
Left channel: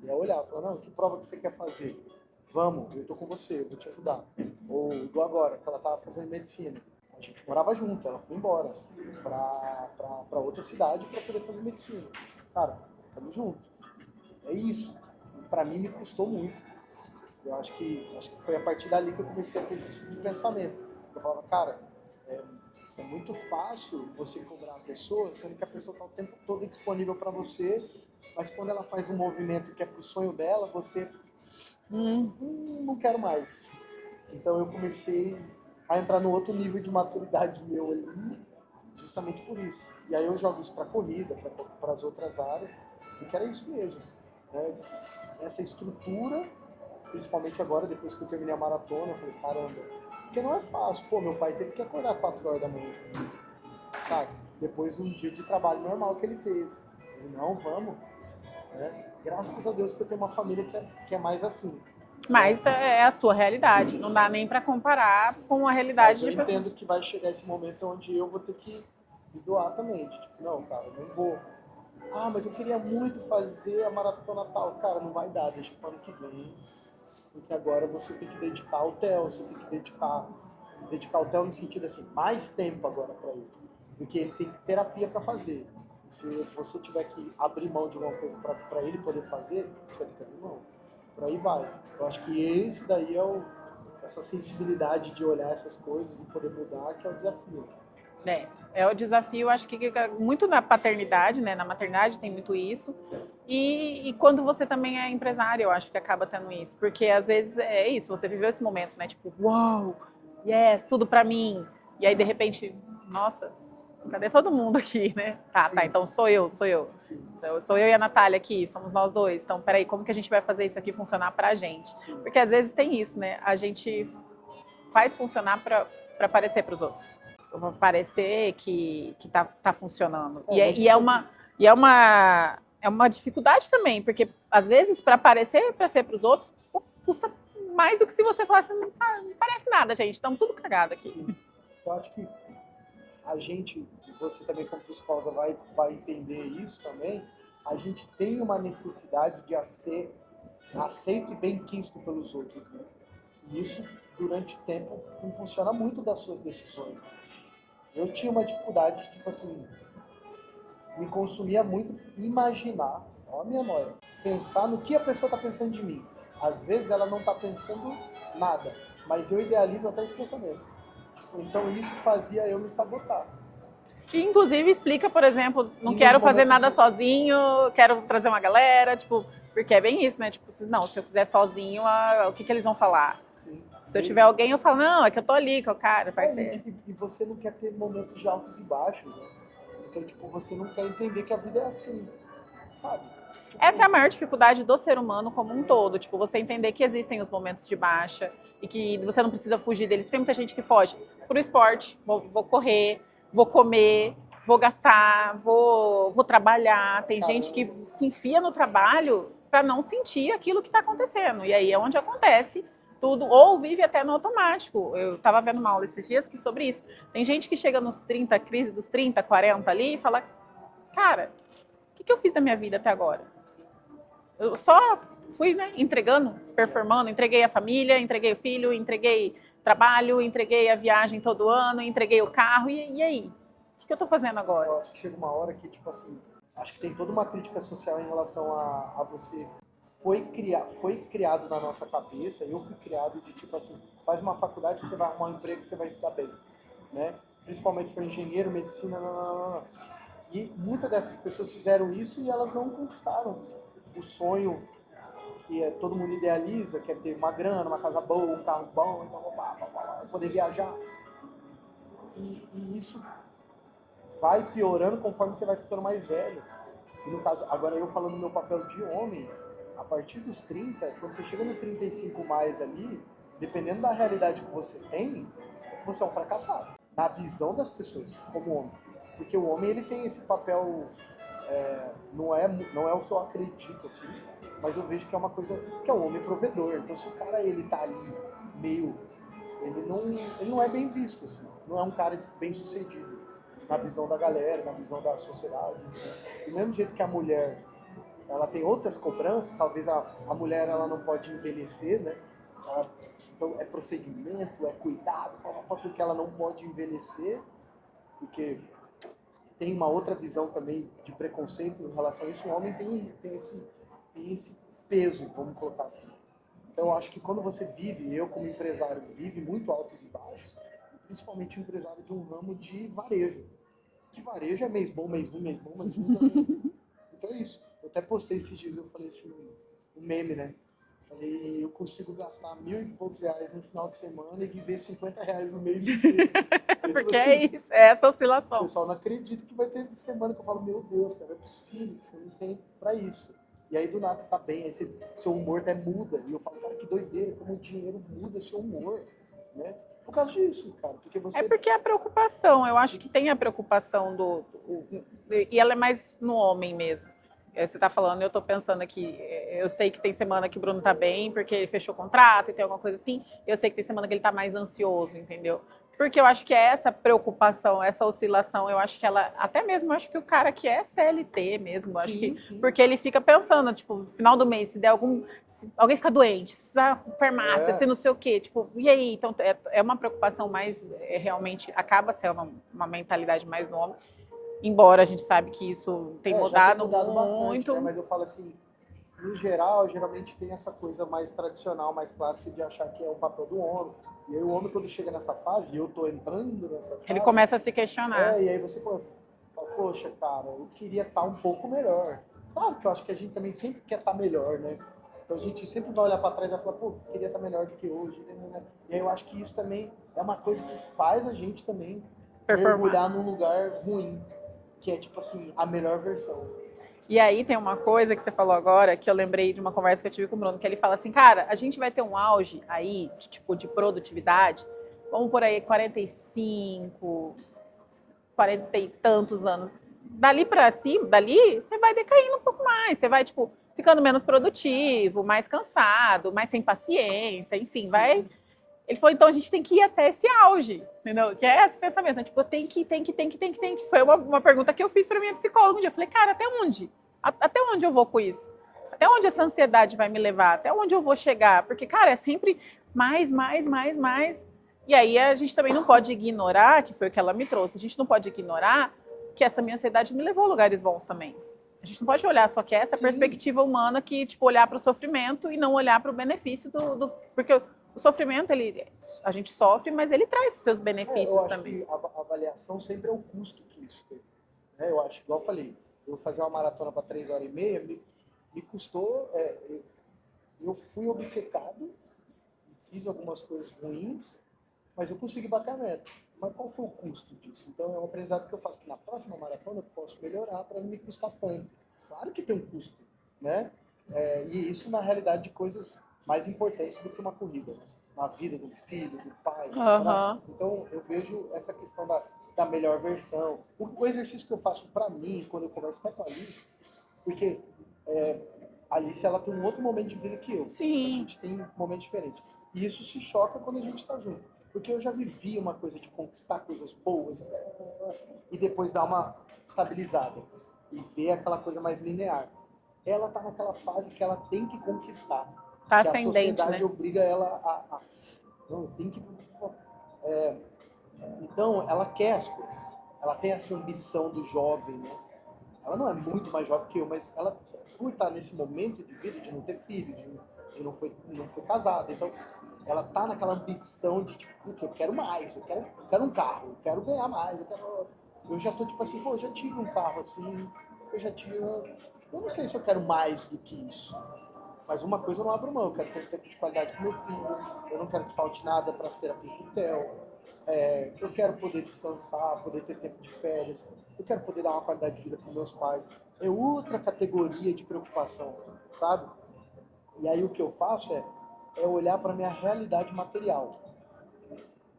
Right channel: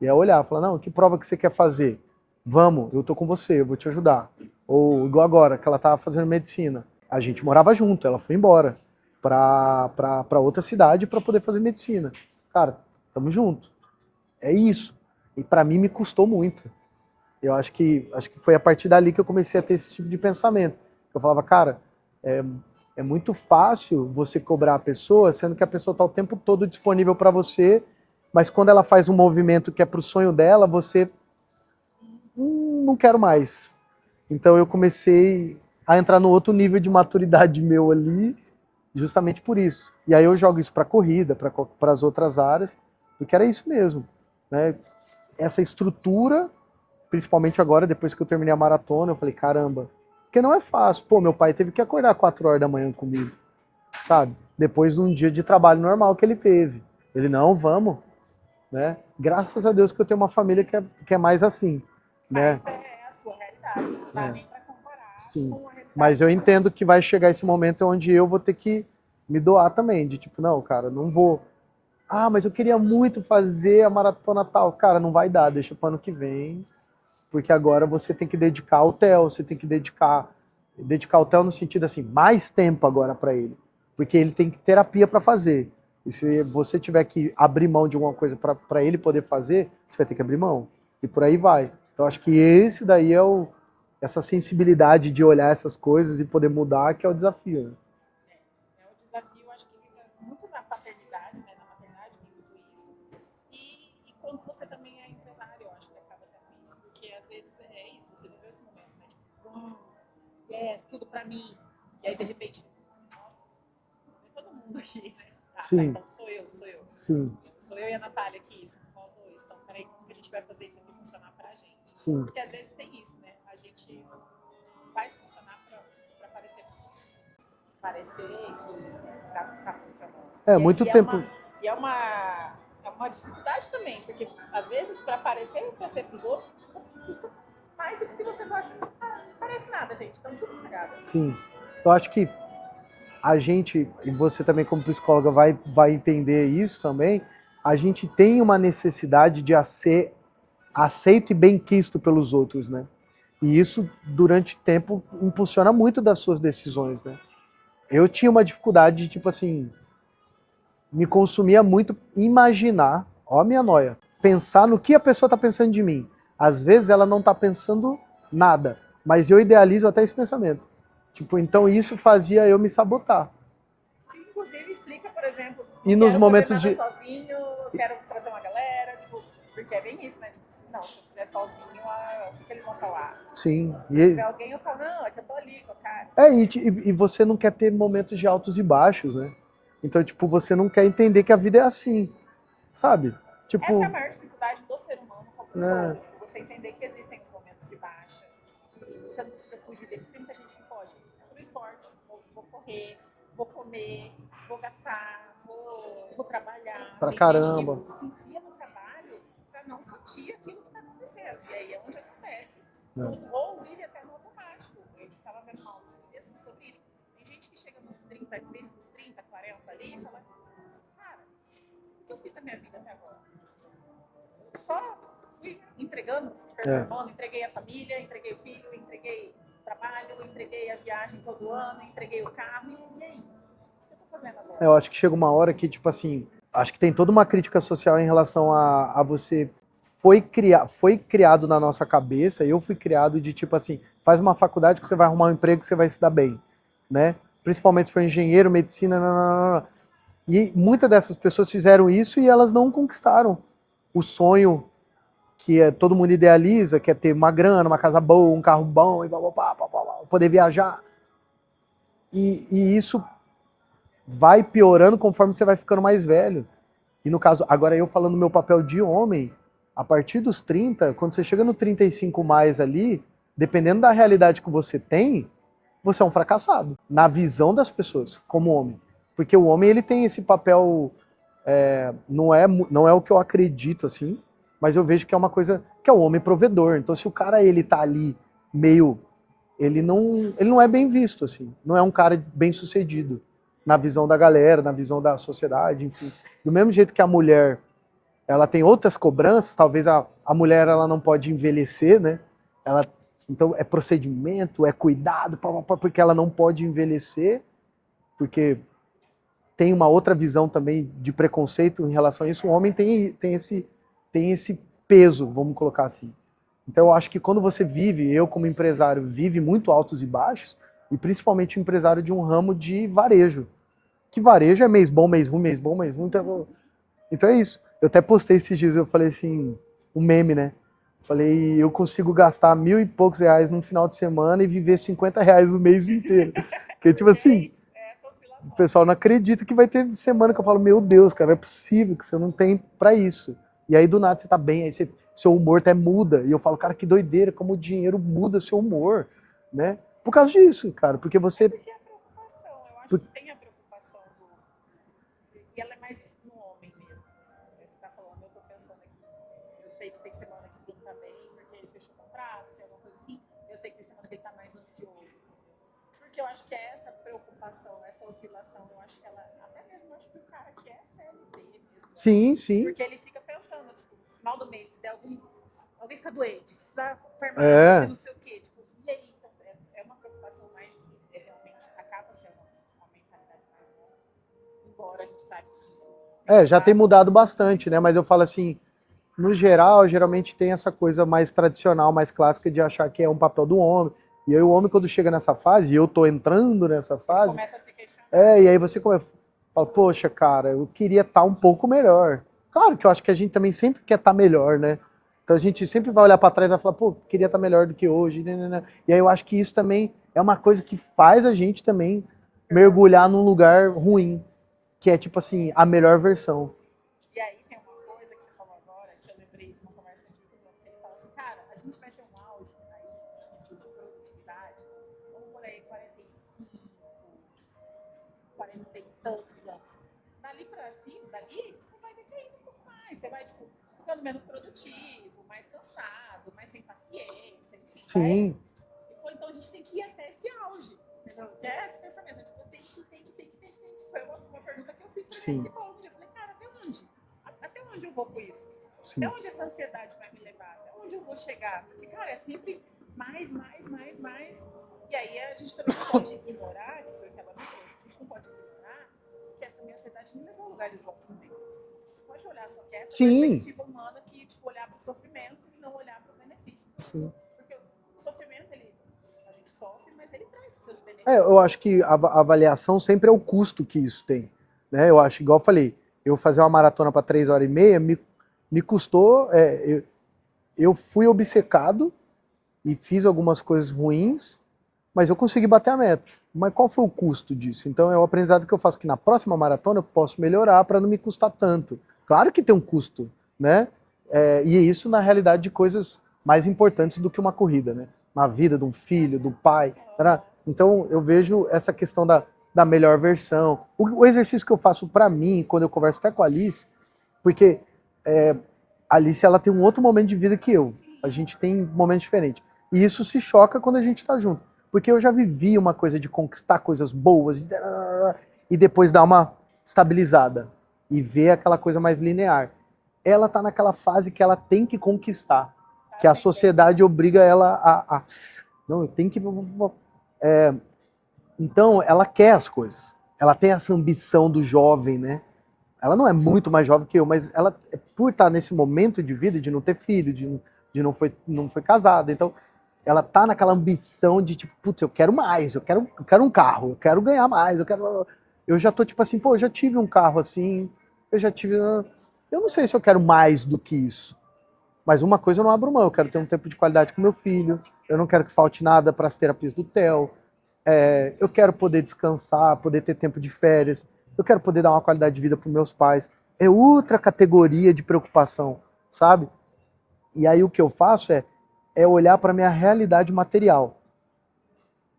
E é olhar, falar, não, que prova que você quer fazer? Vamos, eu tô com você, eu vou te ajudar. Ou igual agora, que ela tava fazendo medicina. A gente morava junto, ela foi embora para outra cidade para poder fazer medicina. Cara, tamo junto. É isso. E para mim me custou muito. Eu acho que foi a partir dali que eu comecei a ter esse tipo de pensamento. Eu falava, cara, é muito fácil você cobrar a pessoa, sendo que a pessoa está o tempo todo disponível para você, mas quando ela faz um movimento que é para o sonho dela, você não quero mais. Então eu comecei a entrar no outro nível de maturidade meu ali, justamente por isso. E aí eu jogo isso para corrida, para as outras áreas, porque era isso mesmo, né? Essa estrutura, principalmente agora, depois que eu terminei a maratona, eu falei, caramba, porque não é fácil. Pô, meu pai teve que acordar 4 horas da manhã comigo, sabe? Depois de um dia de trabalho normal que ele teve. Ele, não, vamos, né? Graças a Deus que eu tenho uma família que é mais assim. Mas né? é a sua realidade, não dá nem para comparar Sim. com a realidade. Mas eu entendo que vai chegar esse momento onde eu vou ter que me doar também, de tipo, não, cara, não vou. Mas eu queria muito fazer a maratona tal. Cara, não vai dar, deixa para ano que vem, porque agora você tem que dedicar ao Theo, você tem que dedicar ao Theo no sentido assim, mais tempo agora para ele, porque ele tem terapia para fazer. E se você tiver que abrir mão de alguma coisa para ele poder fazer, você vai ter que abrir mão. E por aí vai. Então acho que esse daí é essa sensibilidade de olhar essas coisas e poder mudar que é o desafio. É o desafio, acho que muito na paternidade, né? Na maternidade tem muito isso. E quando você também é empresário, eu acho que acaba tendo isso. Porque às vezes é isso, você viveu esse momento, né? Tipo, uau, yes, tudo pra mim. E aí, de repente, nossa, cadê todo mundo aqui, né? Tá, Sim, então sou eu. sim, Sou eu e a Natália aqui, somos nós dois. Então, peraí, como que a gente vai fazer isso aqui funcionar pra gente? sim. Porque às vezes tem isso, né? A gente faz funcionar pra parecer pros outros. Pra parecer que tá funcionando. Muito E tempo. é uma dificuldade também, porque às vezes para parecer para ser para os outros custa mais do que se você falasse, não parece nada, gente, estamos tudo cagado aqui. Sim. Eu acho que a gente, e você também como psicóloga vai entender isso também, a gente tem uma necessidade de ser aceito e bem-quisto pelos outros, né? E isso, durante o tempo, impulsiona muito das suas decisões, né? Eu tinha uma dificuldade de, tipo assim, me consumia muito imaginar, ó a minha noia, pensar no que a pessoa tá pensando de mim. Às vezes ela não tá pensando nada, mas eu idealizo até esse pensamento. Tipo, então isso fazia eu me sabotar. Que inclusive explica, por exemplo, não E nos quero fazer momentos nada de... sozinho, quero trazer uma galera, tipo, porque é bem isso, né? Tipo, não, se eu fizer sozinho, o que eles vão falar? Sim. Se eu tiver alguém, eu falo, não, é que eu tô ali com o cara. E você não quer ter momentos de altos e baixos, né? Então, tipo, você não quer entender que a vida é assim, sabe? Tipo, essa é a maior dificuldade do ser humano como um É. todo. Tipo, você entender que existem os momentos de baixa e que você não precisa fugir deles. Tem muita gente que foge pro esporte, vou correr, vou comer, vou gastar, vou trabalhar. pra Tem gente que caramba. se enfia no trabalho para não sentir aquilo que está acontecendo. E aí é onde acontece tudo, ou vive até no automático. Eu estava vendo uma aula esses dias que sobre isso. Tem gente que chega nos 30, crise dos 30, 40 ali e fala, cara, o que eu fiz da minha vida até agora? Eu só fui, né, entregando, performando, entreguei a família, entreguei o filho, entreguei trabalho, entreguei a viagem todo ano, entreguei o carro, e aí? O que eu tô fazendo agora? Eu acho que chega uma hora que, tipo assim, acho que tem toda uma crítica social em relação a você foi criado na nossa cabeça, eu fui criado de tipo assim, faz uma faculdade que você vai arrumar um emprego que você vai se dar bem, né? Principalmente se for engenheiro, medicina, não. E muitas dessas pessoas fizeram isso e elas não conquistaram o sonho que todo mundo idealiza, que é ter uma grana, uma casa boa, um carro bom, e poder viajar. E isso vai piorando conforme você vai ficando mais velho. E no caso, agora eu falando do meu papel de homem, a partir dos 30, quando você chega no 35 mais ali, dependendo da realidade que você tem, você é um fracassado, na visão das pessoas, como homem. Porque o homem, ele tem esse papel, não é o que eu acredito, assim, mas eu vejo que é uma coisa, que é o homem provedor. Então, se o cara, ele tá ali meio, ele não é bem visto, assim, não é um cara bem sucedido na visão da galera, na visão da sociedade, enfim. Do mesmo jeito que a mulher, ela tem outras cobranças, talvez a mulher, ela não pode envelhecer, né? Então, é procedimento, é cuidado, porque ela não pode envelhecer, porque tem uma outra visão também de preconceito em relação a isso. O homem tem esse peso, vamos colocar assim. Então, eu acho que quando você vive, eu como empresário, vive muito altos e baixos, e principalmente o empresário de um ramo de varejo. Que varejo é mês bom, mês ruim, mês bom, mês ruim. Então é isso. Eu até postei esses dias, eu falei assim, um meme, né? Falei, eu consigo gastar 1.000 e poucos reais num final de semana e viver 50 reais o mês inteiro. Porque, tipo assim, é isso, é essa oscilação. O pessoal não acredita que vai ter semana que eu falo, meu Deus, cara, não é possível que você não tem pra isso. E aí, do nada, você tá bem, aí seu humor até muda. E eu falo, cara, que doideira, como o dinheiro muda seu humor, né? Por causa disso, cara, porque você... É porque é a preocupação, eu acho que tem a preocupação e ela é mais no homem mesmo. Você está falando, eu estou pensando aqui, eu sei que tem semana que o Bruno está bem, porque ele fechou o contrato e tem alguma coisa assim, eu sei que tem semana que ele está mais ansioso, entendeu? Porque eu acho que é essa preocupação, essa oscilação, eu acho que ela, até mesmo, eu acho que o cara que é CLT mesmo, Sim, acho que, sim. porque ele fica pensando, tipo, no final do mês, se der se alguém ficar doente, se precisar farmácia, se não sei o quê, tipo, e aí? Então, é uma preocupação mais, realmente, acaba sendo uma mentalidade mais no homem, embora a gente sabe que isso tem mudado já tem mudado muito. bastante, né? Mas eu falo assim, no geral, geralmente tem essa coisa mais tradicional, mais clássica de achar que é um papel do homem. E aí o homem, quando chega nessa fase, e eu tô entrando nessa fase... Ele começa a se questionar. E aí você fala, poxa, cara, eu queria estar um pouco melhor, Claro que eu acho que a gente também sempre quer estar melhor, né? Então a gente sempre vai olhar para trás e vai falar, pô, queria estar melhor do que hoje, né? E aí eu acho que isso também é uma coisa que faz a gente também mergulhar num lugar ruim, que é tipo assim, a melhor versão. E aí tem uma coisa que você falou agora, que eu lembrei de uma conversa que eu tive com o Bruno, que ele fala assim, cara, a gente vai ter um auge aí, de produtividade, vamos por aí 45, 40 e tantos anos. Dali pra cima, dali, você vai decaindo um pouco mais, você vai, ficando menos produtivo, mais cansado, mais sem paciência, enfim, Sim. vai... Ele falou, então a gente tem que ir até esse auge, entendeu? Que é esse pensamento, né? Tipo, tem que. Foi uma pergunta que eu fiz para minha psicóloga um dia. Eu falei, cara, até onde? Até onde eu vou com isso? Sim. Até onde essa ansiedade vai me levar? Até onde eu vou chegar? Porque, cara, é sempre mais. E aí a gente também não pode ignorar, que foi o que ela me trouxe, a gente não pode ignorar que essa minha ansiedade me levou a lugares bons também. A gente não pode olhar só que essa perspectiva humana que, olhar para o sofrimento e não olhar para o benefício porque o sofrimento, a gente sofre, mas ele traz os seus benefícios. Eu acho que a avaliação sempre é o custo que isso tem. Né? Eu acho, igual eu falei, eu fazer uma maratona para 3h30 me custou. Eu fui obcecado e fiz algumas coisas ruins, mas eu consegui bater a meta. Mas qual foi o custo disso? Então é o aprendizado que eu faço que na próxima maratona eu posso melhorar para não me custar tanto. Claro que tem um custo, né? E isso na realidade de coisas mais importantes do que uma corrida, né? Na vida de um filho, do pai. Uhum. Então eu vejo essa questão da melhor versão. O exercício que eu faço para mim, quando eu converso até com a Alice, porque a Alice ela tem um outro momento de vida que eu. Sim. A gente tem momentos diferentes. E isso se choca quando a gente está junto. Porque eu já vivi uma coisa de conquistar coisas boas e depois dar uma estabilizada e ver aquela coisa mais linear. Ela tá naquela fase que ela tem que conquistar. Tá que a sociedade, né? Obriga ela a... Não, eu tenho que... Então, ela quer as coisas. Ela tem essa ambição do jovem, né? Ela não é muito mais jovem que eu, mas ela, por estar nesse momento de vida, de não ter filho, de não foi casada, então... Ela tá naquela ambição de tipo, putz, eu quero mais, eu quero um carro, eu quero ganhar mais, eu já tô tipo assim, pô, eu já tive um carro assim, eu não sei se eu quero mais do que isso. Mas uma coisa eu não abro mão, eu quero ter um tempo de qualidade com meu filho, eu não quero que falte nada para as terapias do Theo, eu quero poder descansar, poder ter tempo de férias, eu quero poder dar uma qualidade de vida para meus pais. É outra categoria de preocupação, sabe? E aí o que eu faço é olhar para a minha realidade material.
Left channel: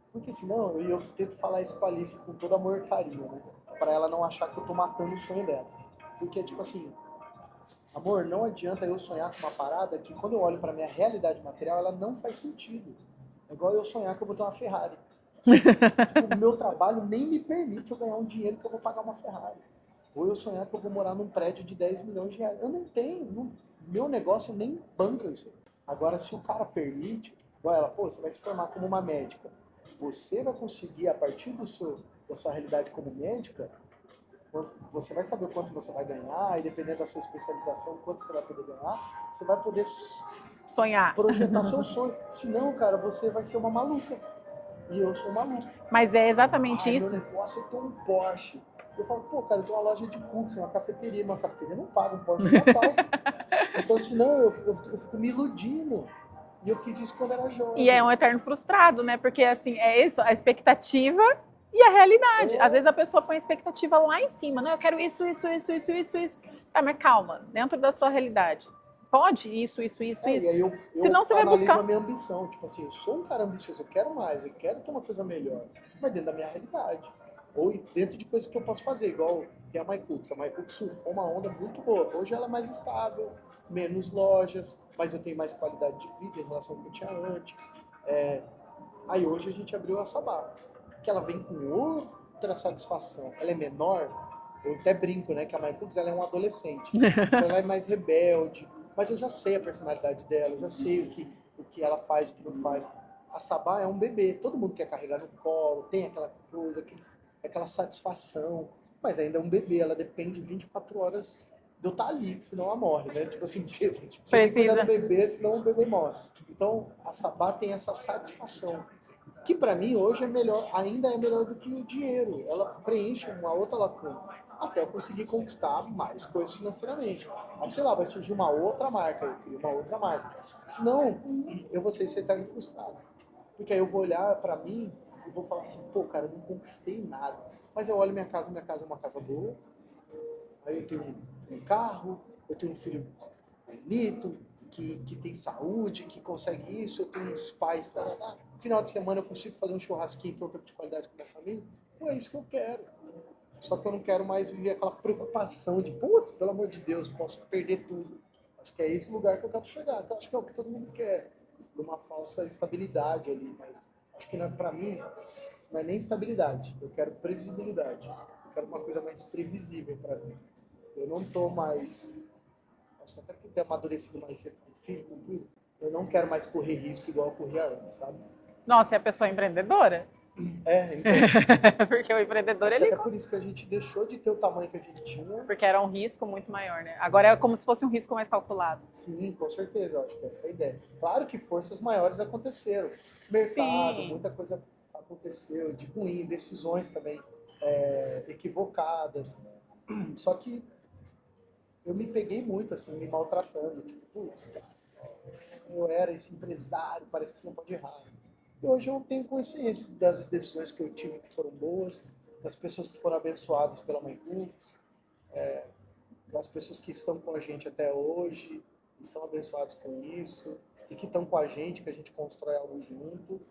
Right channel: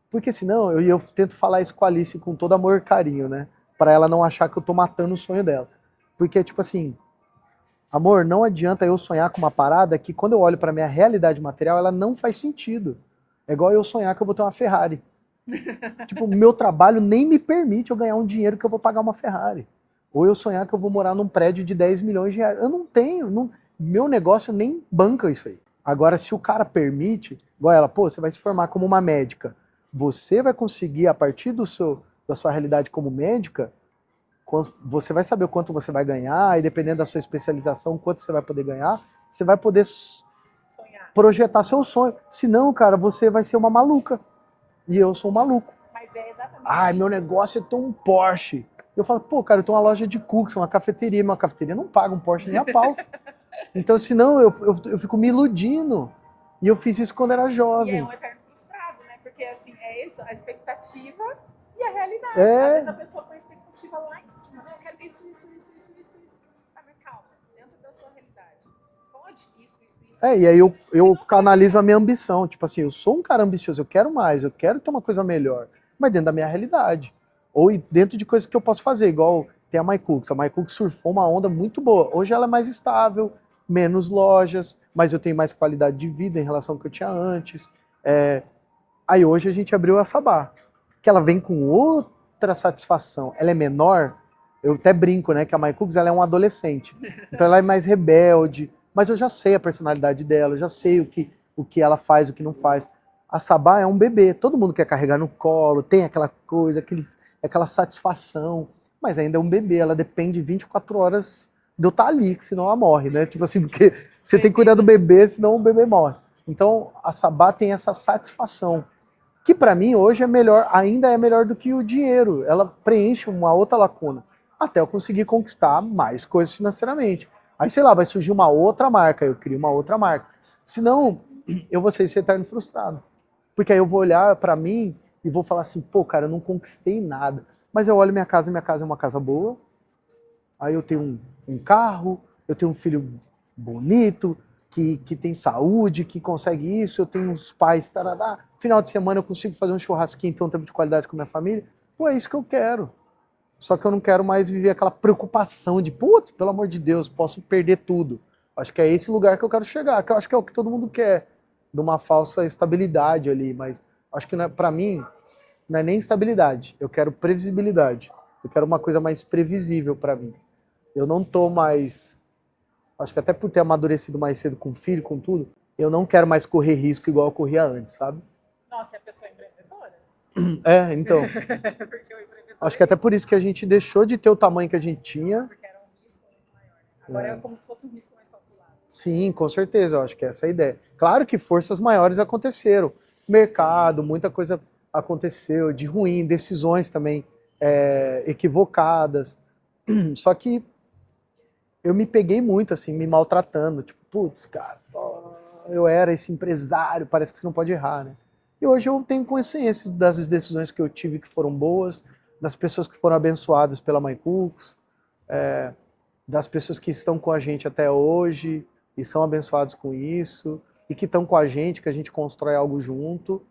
Porque senão, eu tento falar isso com a Alice com todo amor e carinho, né? Para ela não achar que eu tô matando o sonho dela. Porque, tipo assim, amor, não adianta eu sonhar com uma parada que quando eu olho para a minha realidade material, ela não faz sentido. É igual eu sonhar que eu vou ter uma Ferrari. Tipo, o meu trabalho nem me permite eu ganhar um dinheiro que eu vou pagar uma Ferrari. Ou eu sonhar que eu vou morar num prédio de 10 milhões de reais. Eu não tenho, meu negócio nem banca isso aí. Agora, se o cara permite, igual ela, pô, você vai se formar como uma médica. Você vai conseguir, a partir da sua realidade como médica, você vai saber o quanto você vai ganhar, e dependendo da sua especialização, quanto você vai poder ganhar, você vai poder sonhar, projetar seu sonho. Senão, cara, você vai ser uma maluca. E eu sou um maluco. Mas é exatamente isso. Meu negócio é ter um Porsche. Eu falo, pô, cara, eu tenho uma loja de cookies, uma cafeteria. Uma cafeteria não paga um Porsche nem a pau. Então, senão, eu fico me iludindo. E eu fiz isso quando era jovem. E é um eterno frustrado, né? Porque, assim, é isso, a expectativa e a realidade. Às vezes a pessoa põe a expectativa lá em cima, né? Eu quero isso. Tá, mas calma, dentro da sua realidade. Pode isso. E aí eu canalizo a minha ambição. Tipo assim, eu sou um cara ambicioso, eu quero mais, eu quero ter uma coisa melhor. Mas dentro da minha realidade. Ou dentro de coisas que eu posso fazer, igual tem a MyCooks. A MyCooks surfou uma onda muito boa. Hoje ela é mais estável, menos lojas, mas eu tenho mais qualidade de vida em relação ao que eu tinha antes. Aí hoje a gente abriu a Sabá, que ela vem com outra satisfação. Ela é menor, eu até brinco, né, que a MyCooks ela é um adolescente. Então ela é mais rebelde, mas eu já sei a personalidade dela, eu já sei o que ela faz, o que não faz. A Sabá é um bebê, todo mundo quer carregar no colo, tem aquela coisa, aquela satisfação, mas ainda é um bebê, ela depende 24 horas de eu estar ali, que senão ela morre, né? Tipo assim, porque você tem que cuidar do bebê, senão o bebê morre. Então, a Sabá tem essa satisfação, que para mim hoje é melhor, ainda é melhor do que o dinheiro. Ela preenche uma outra lacuna, até eu conseguir conquistar mais coisas financeiramente. Aí, sei lá, vai surgir uma outra marca, eu crio uma outra marca. Senão, eu vou ser esse eterno frustrado. Porque aí eu vou olhar pra mim e vou falar assim, pô, cara, eu não conquistei nada. Mas eu olho minha casa é uma casa boa. Aí eu tenho um carro, eu tenho um filho bonito, que tem saúde, que consegue isso, eu tenho uns pais, tarará. Final de semana eu consigo fazer um churrasquinho, então tempo de qualidade com a minha família. Pô, é isso que eu quero. Só que eu não quero mais viver aquela preocupação de, putz, pelo amor de Deus, posso perder tudo. Acho que é esse lugar que eu quero chegar, que eu acho que é o que todo mundo quer, de uma falsa estabilidade ali, mas acho que para mim não é nem estabilidade, eu quero previsibilidade. Eu quero uma coisa mais previsível para mim. Eu não tô mais, acho que até por ter amadurecido mais cedo com filho, com tudo, eu não quero mais correr risco igual eu corria antes, sabe? Nossa, e a pessoa é empreendedora? Então. Porque o empreendedor, Acho que até por isso que a gente deixou de ter o tamanho que a gente tinha. Porque era um risco muito maior, né? Agora é como se fosse um risco mais calculado. Sim, com certeza, eu acho que essa é a ideia. Claro que forças maiores aconteceram. Mercado, Sim. muita coisa aconteceu, de ruim, decisões também equivocadas. Só que eu me peguei muito, assim, me maltratando. Tipo, putz, cara, eu era esse empresário, parece que você não pode errar, né? E hoje eu tenho consciência das decisões que eu tive que foram boas, das pessoas que foram abençoadas pela Mãe Cooks, das pessoas que estão com a gente até hoje e são abençoados com isso, e que estão com a gente, que a gente constrói algo junto,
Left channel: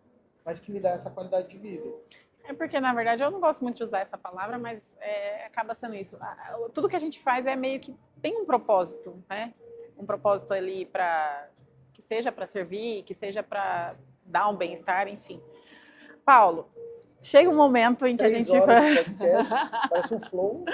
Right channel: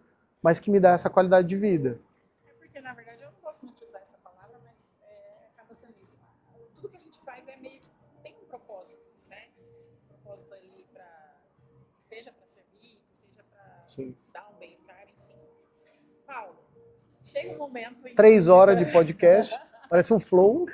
mas que me dá essa qualidade de vida. É porque, na verdade, eu não gosto muito de usar essa palavra, mas acaba sendo isso. Tudo que a gente faz é meio que tem um propósito, né? Um propósito ali para que seja para servir, que seja para dar um bem-estar, enfim. Paulo, chega um momento em que 3 horas de podcast, parece um flow.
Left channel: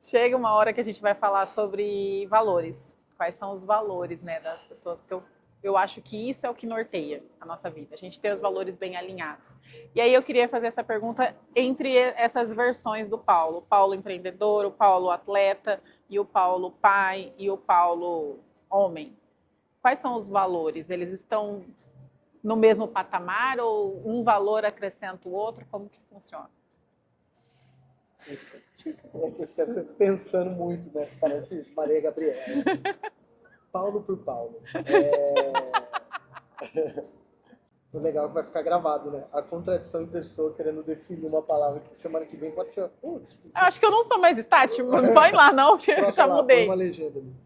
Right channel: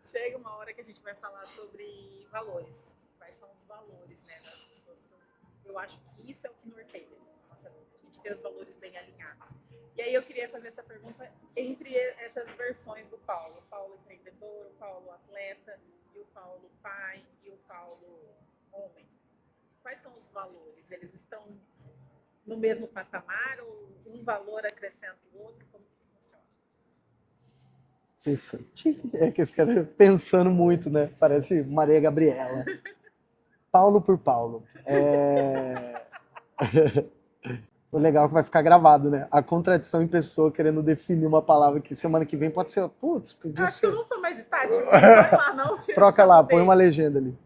Chega uma hora que a gente vai falar sobre valores. Quais são os valores, né, das pessoas? Porque eu acho que isso é o que norteia a nossa vida. A gente ter os valores bem alinhados. E aí eu queria fazer essa pergunta entre essas versões do Paulo. O Paulo empreendedor, o Paulo atleta, e o Paulo pai, e o Paulo homem. Quais são os valores? Eles estão no mesmo patamar ou um valor acrescenta o outro? Como que funciona? Isso. É que esse cara pensando muito, né? Parece Maria Gabriela. Paulo por Paulo. O legal é que vai ficar gravado, né? A contradição em pessoa querendo definir uma palavra que semana que vem pode ser. Putz, acho que eu não sou mais estático, não põe lá, não. Troca lá, põe uma legenda ali.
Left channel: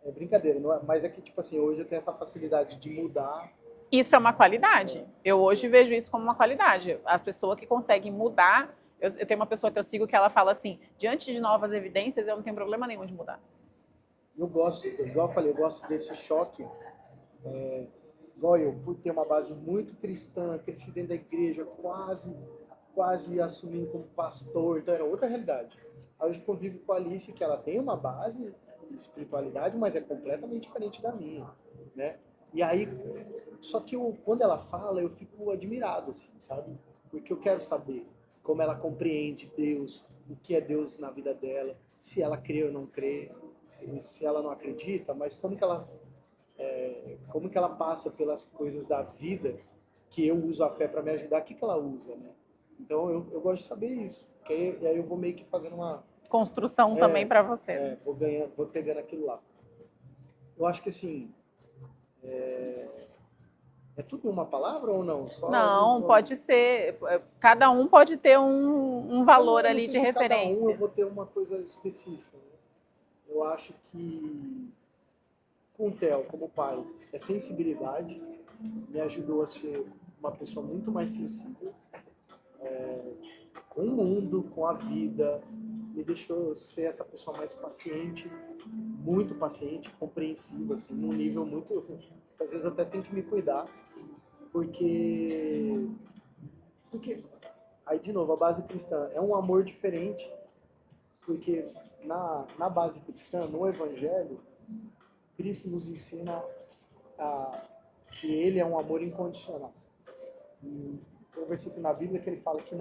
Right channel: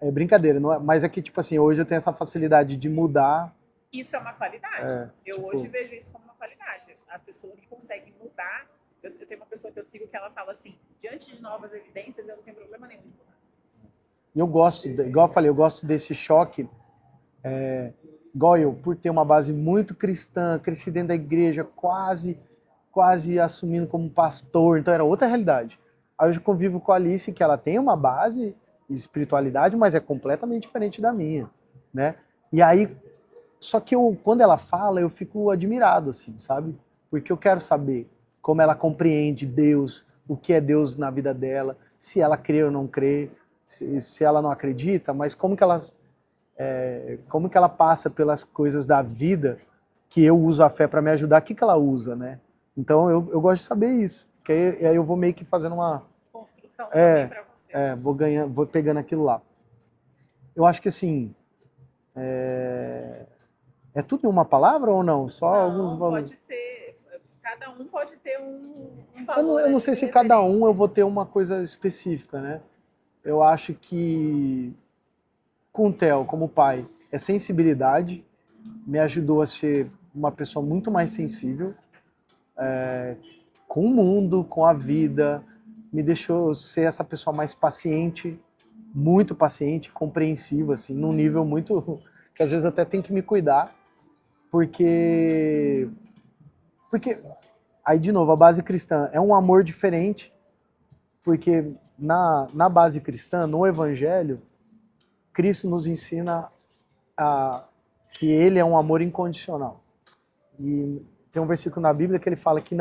É brincadeira, não é? Mas é que, tipo assim, hoje eu tenho essa facilidade de mudar. Isso é uma qualidade. Eu hoje vejo isso como uma qualidade. A pessoa que consegue mudar. Eu tenho uma pessoa que eu sigo que ela fala assim: diante de novas evidências, eu não tenho problema nenhum de mudar. E eu gosto, igual eu falei, eu gosto desse choque. Igual eu, por ter uma base muito cristã, cresci dentro da igreja, quase assumindo como pastor, então era outra realidade. Aí hoje eu convivo com a Alice, que ela tem uma base de espiritualidade, mas é completamente diferente da minha, né? E aí, só que quando ela fala, eu fico admirado, assim, sabe? Porque eu quero saber como ela compreende Deus, o que é Deus na vida dela, se ela crê ou não crê, se ela não acredita, mas como que ela passa pelas coisas da vida que eu uso a fé para me ajudar, o que ela usa, né? Então eu gosto de saber isso, porque aí eu vou meio que fazendo uma construção também para você. Vou pegando aquilo lá. Eu acho que assim, é tudo em uma palavra ou não? Só não, pode ser. Cada um pode ter um valor ali de referência. Eu não sei se cada um eu vou ter uma coisa específica, né? Eu acho que com o Theo, como pai, é sensibilidade. Me ajudou a ser uma pessoa muito mais sensível com o mundo, com a vida. Me deixou ser essa pessoa mais paciente, muito paciente, compreensiva, assim, num nível muito que às vezes até tem que me cuidar. Porque aí de novo, a base cristã é um amor diferente, porque na base cristã, no evangelho, Cristo nos ensina que ele é um amor incondicional. E tem um versículo na Bíblia que ele fala que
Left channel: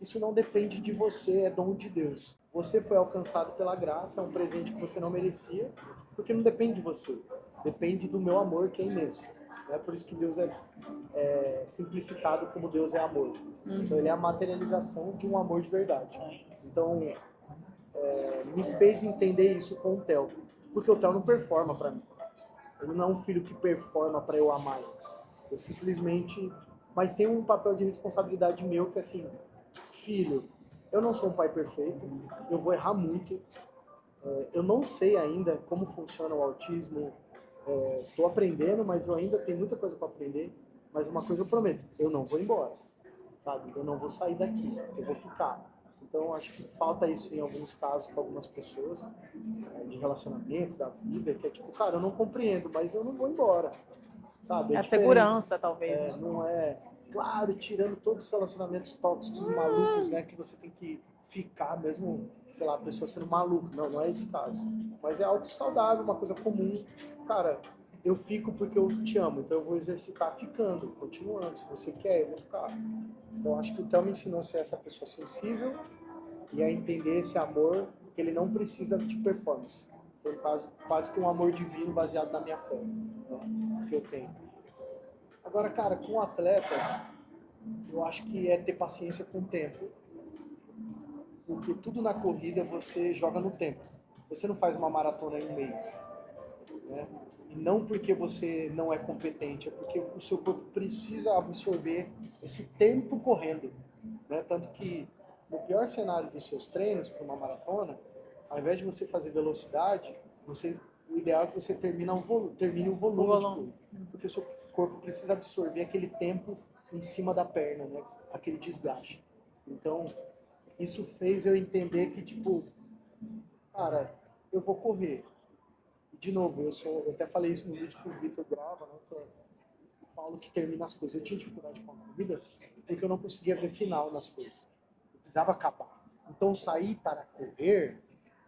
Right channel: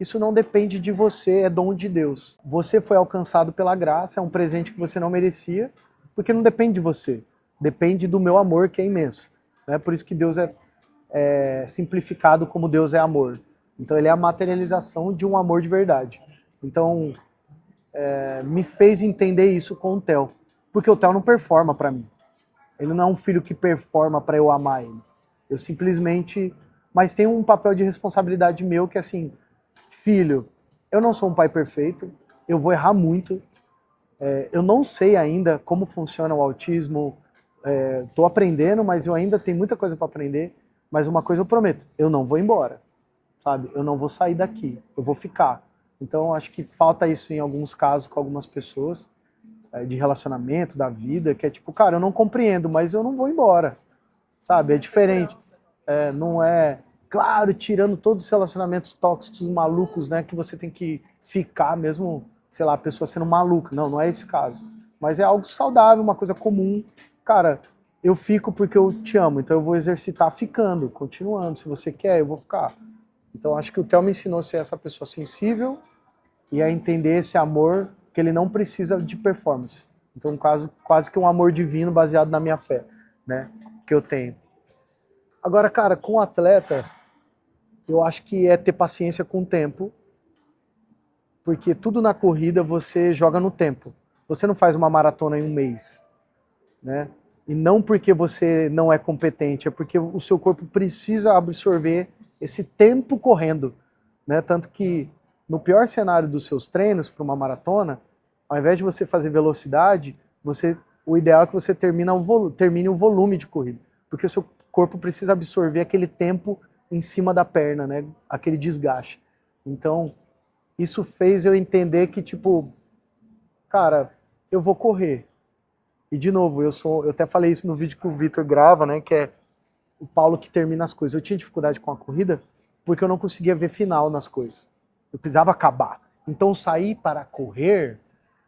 isso não depende de você, é dom de Deus. Você foi alcançado pela graça, é um presente que você não merecia, porque não depende de você, depende do meu amor, que é imenso. É por isso que Deus é simplificado como Deus é amor. Então ele é a materialização de um amor de verdade. Então me fez entender isso com o Theo. Porque o Theo não performa pra mim. Ele não é um filho que performa pra eu amar ele. Eu simplesmente... Mas tem um papel de responsabilidade meu que, assim, filho, eu não sou um pai perfeito, eu vou errar muito, eu não sei ainda como funciona o autismo, tô aprendendo, mas eu ainda tenho muita coisa para aprender, mas uma coisa eu prometo, eu não vou embora, sabe? Eu não vou sair daqui, eu vou ficar. Então, acho que falta isso em alguns casos com algumas pessoas, de relacionamento, da vida, que é tipo, cara, eu não compreendo, mas eu não vou embora, sabe? É diferente. Segurança, talvez. Né? Não é, claro, tirando todos os relacionamentos tóxicos, malucos, né, que você tem que ficar mesmo, sei lá, a pessoa sendo maluca. Não é esse caso. Mas é algo saudável, uma coisa comum. Cara, eu fico porque eu te amo, então eu vou exercitar ficando, continuando. Se você quer, eu vou ficar. Então acho que o Theo me ensinou a ser essa pessoa sensível e a entender esse amor que ele não precisa de performance. Então quase que um amor divino baseado na minha fé, né, que eu tenho. Agora, cara, com o atleta, eu acho que é ter paciência com o tempo, porque tudo na corrida você joga no tempo. Você não faz uma maratona em um mês, né? E não porque você não é competente, é porque o seu corpo precisa absorver esse tempo correndo, né? Tanto que no pior cenário dos seus treinos para uma maratona, ao invés de você fazer velocidade, o ideal é que você termine o volume de corrida, porque o seu corpo precisa absorver aquele tempo em cima da perna, né? Aquele desgaste. Então, isso fez eu entender que, tipo, cara, eu vou correr. E, de novo, eu até falei isso no vídeo que o Vitor grava, né? Que é o Paulo que termina as coisas. Eu tinha dificuldade com a corrida porque eu não conseguia ver final nas coisas. Eu precisava acabar. Então, sair para correr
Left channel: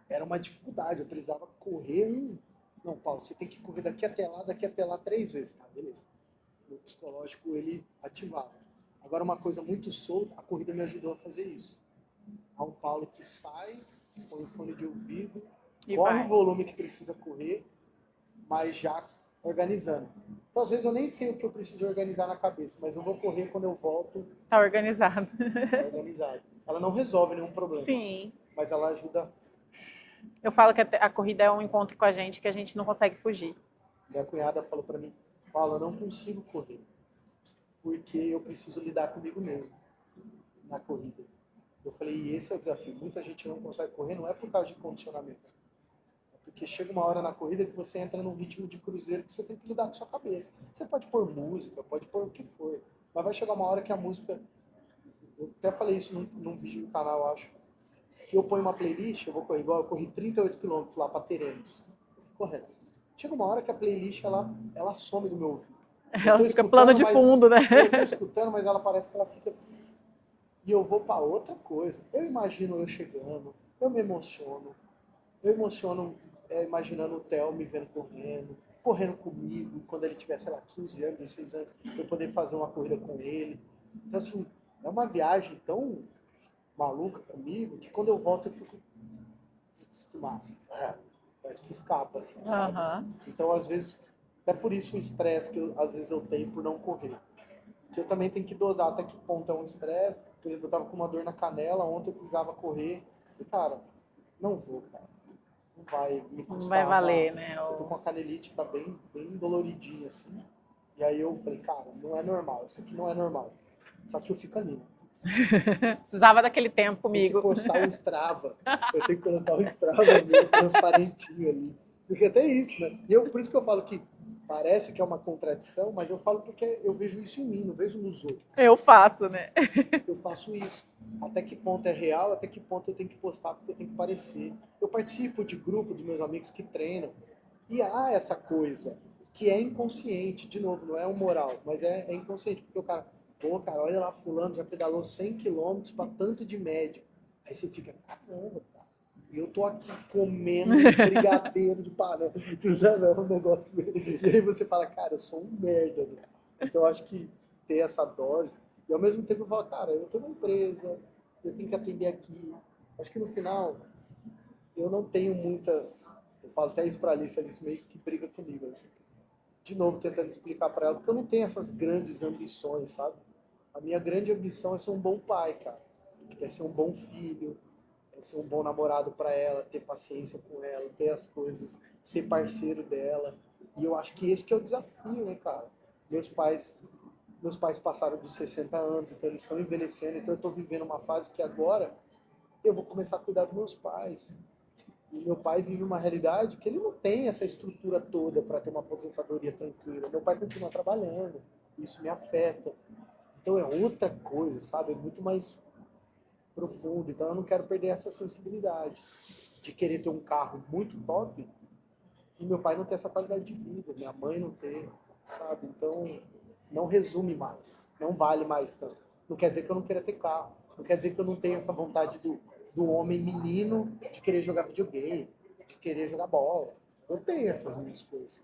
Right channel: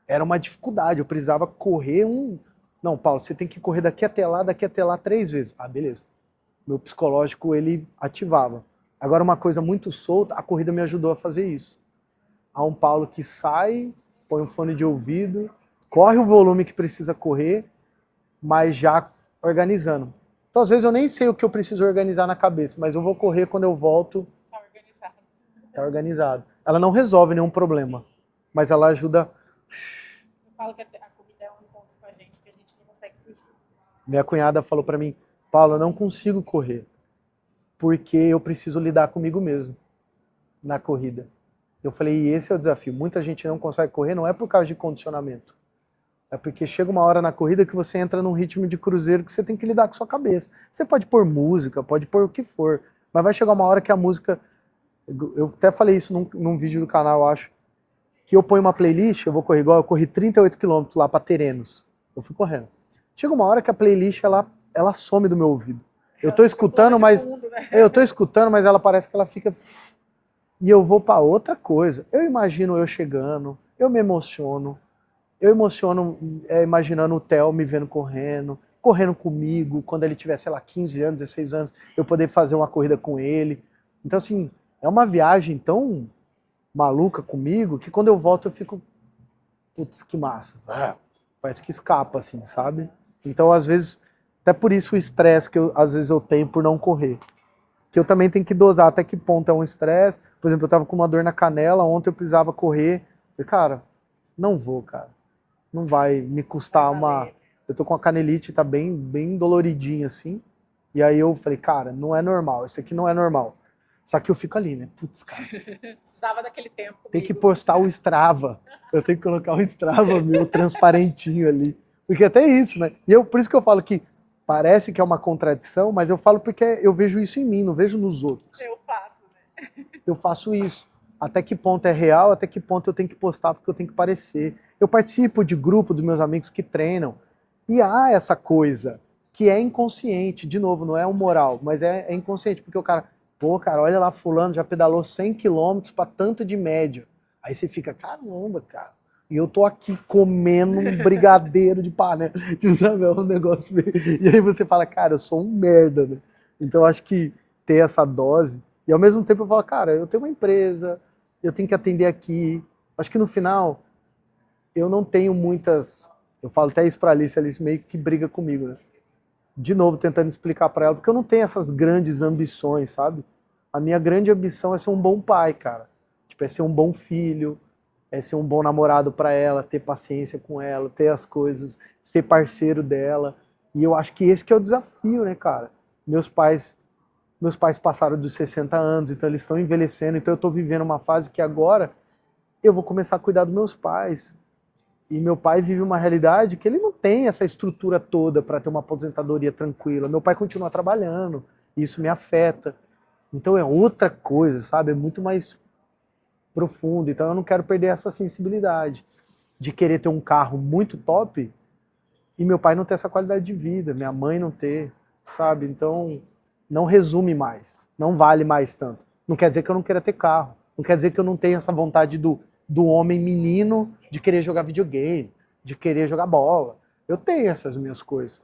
era uma dificuldade. Eu precisava correr Não, Paulo, você tem que correr daqui até lá 3 vezes. Ah, beleza. Meu psicológico, ele ativava. Agora, uma coisa muito solta, a corrida me ajudou a fazer isso. Há um Paulo que sai, põe um fone de ouvido, corre o volume que precisa correr, mas já organizando. Então, às vezes, eu nem sei o que eu preciso organizar na cabeça, mas eu vou correr quando eu volto. Tá organizado. Tá organizado. Ela não resolve nenhum problema, Sim. mas ela ajuda. Eu falo que a corrida é um encontro com a gente que a gente não consegue fugir. Minha cunhada falou para mim, Paulo, eu não consigo correr, porque eu preciso lidar comigo mesmo na corrida. Eu falei, e esse é o desafio. Muita gente não consegue correr, não é por causa de condicionamento. É porque chega uma hora na corrida que você entra num ritmo de cruzeiro que você tem que lidar com a sua cabeça. Você pode pôr música, pode pôr o que for, mas vai chegar uma hora que a música... Eu até falei isso num vídeo do canal, eu acho, que eu ponho uma playlist, eu vou correr igual, eu corri 38 km lá para Terenos. Eu fui correndo. Chega uma hora que a playlist, ela some do meu ouvido. Eu tô escutando, mas... fundo, né? Eu tô escutando, mas ela parece que ela fica... E eu vou para outra coisa. Eu imagino eu chegando, eu me emociono. Eu emociono imaginando o Theo me vendo correndo comigo, quando ele tiver, sei lá, 15 anos, 16 anos, eu poder fazer uma corrida com ele. Então, assim, é uma viagem tão maluca comigo que quando eu volto eu fico, putz, que massa. Parece que escapa, assim, sabe? Então, às vezes, até por isso o estresse que às vezes eu tenho por não correr. Que eu também tenho que dosar até que ponto é um estresse. Por exemplo, eu tava com uma dor na canela, ontem eu precisava correr. E, cara, não vou, cara. Não vai me custar vai valer, né? Eu tô com a canelite, tá bem, bem doloridinha, assim. E aí eu falei, cara, não é normal. Isso aqui não é normal. Só que eu fico ali, né? Putz, precisava daquele tempo comigo. Tem que postar o Strava. Eu tenho que colocar o Strava meu transparentinho ali. Porque até isso, né? E por isso que eu falo que parece que é uma contradição, mas eu falo porque eu vejo isso em mim, não vejo nos outros. Eu faço, né? Eu faço isso. Até que ponto é real, até que ponto eu tenho que postar porque eu tenho que parecer. Eu participo de grupo dos meus amigos que treinam. E há essa coisa que é inconsciente. De novo, não é um moral, mas é inconsciente. Porque o cara, pô, cara, olha lá, fulano já pedalou 100 quilômetros para tanto de média. Aí você fica, caramba, cara. E eu tô aqui comendo um brigadeiro de panela. Sabe, é um negócio meio... E aí você fala, cara, eu sou um merda, né? Então eu acho que ter essa dose... E ao mesmo tempo eu falo, cara, eu tenho uma empresa, eu tenho que atender aqui. Acho que no final, eu não tenho muitas... Eu falo até isso pra Alice meio que briga comigo, né? De novo, tentando explicar pra ela, porque eu não tenho essas grandes ambições, sabe? A minha grande ambição é ser um bom pai, cara. Tipo, é ser um bom filho, é ser um bom namorado pra ela, ter paciência com ela, ter as coisas, ser parceiro dela. E eu acho que esse que é o desafio, né, cara? Meus pais passaram dos 60 anos, então eles estão envelhecendo, então eu estou vivendo uma fase que agora eu vou começar a cuidar dos meus pais. E meu pai vive uma realidade que ele não tem essa estrutura toda para ter uma aposentadoria tranquila. Meu pai continua trabalhando, e isso me afeta. Então é outra coisa, sabe? É muito mais profundo. Então eu não quero perder essa sensibilidade de querer ter um carro muito top e meu pai não ter essa qualidade de vida, minha mãe não ter, sabe? Então não resume mais, não vale mais tanto. Não quer dizer que eu não queira ter carro, não quer dizer que eu não tenha essa vontade do homem menino de querer jogar videogame, de querer jogar bola. Eu tenho essas minhas coisas,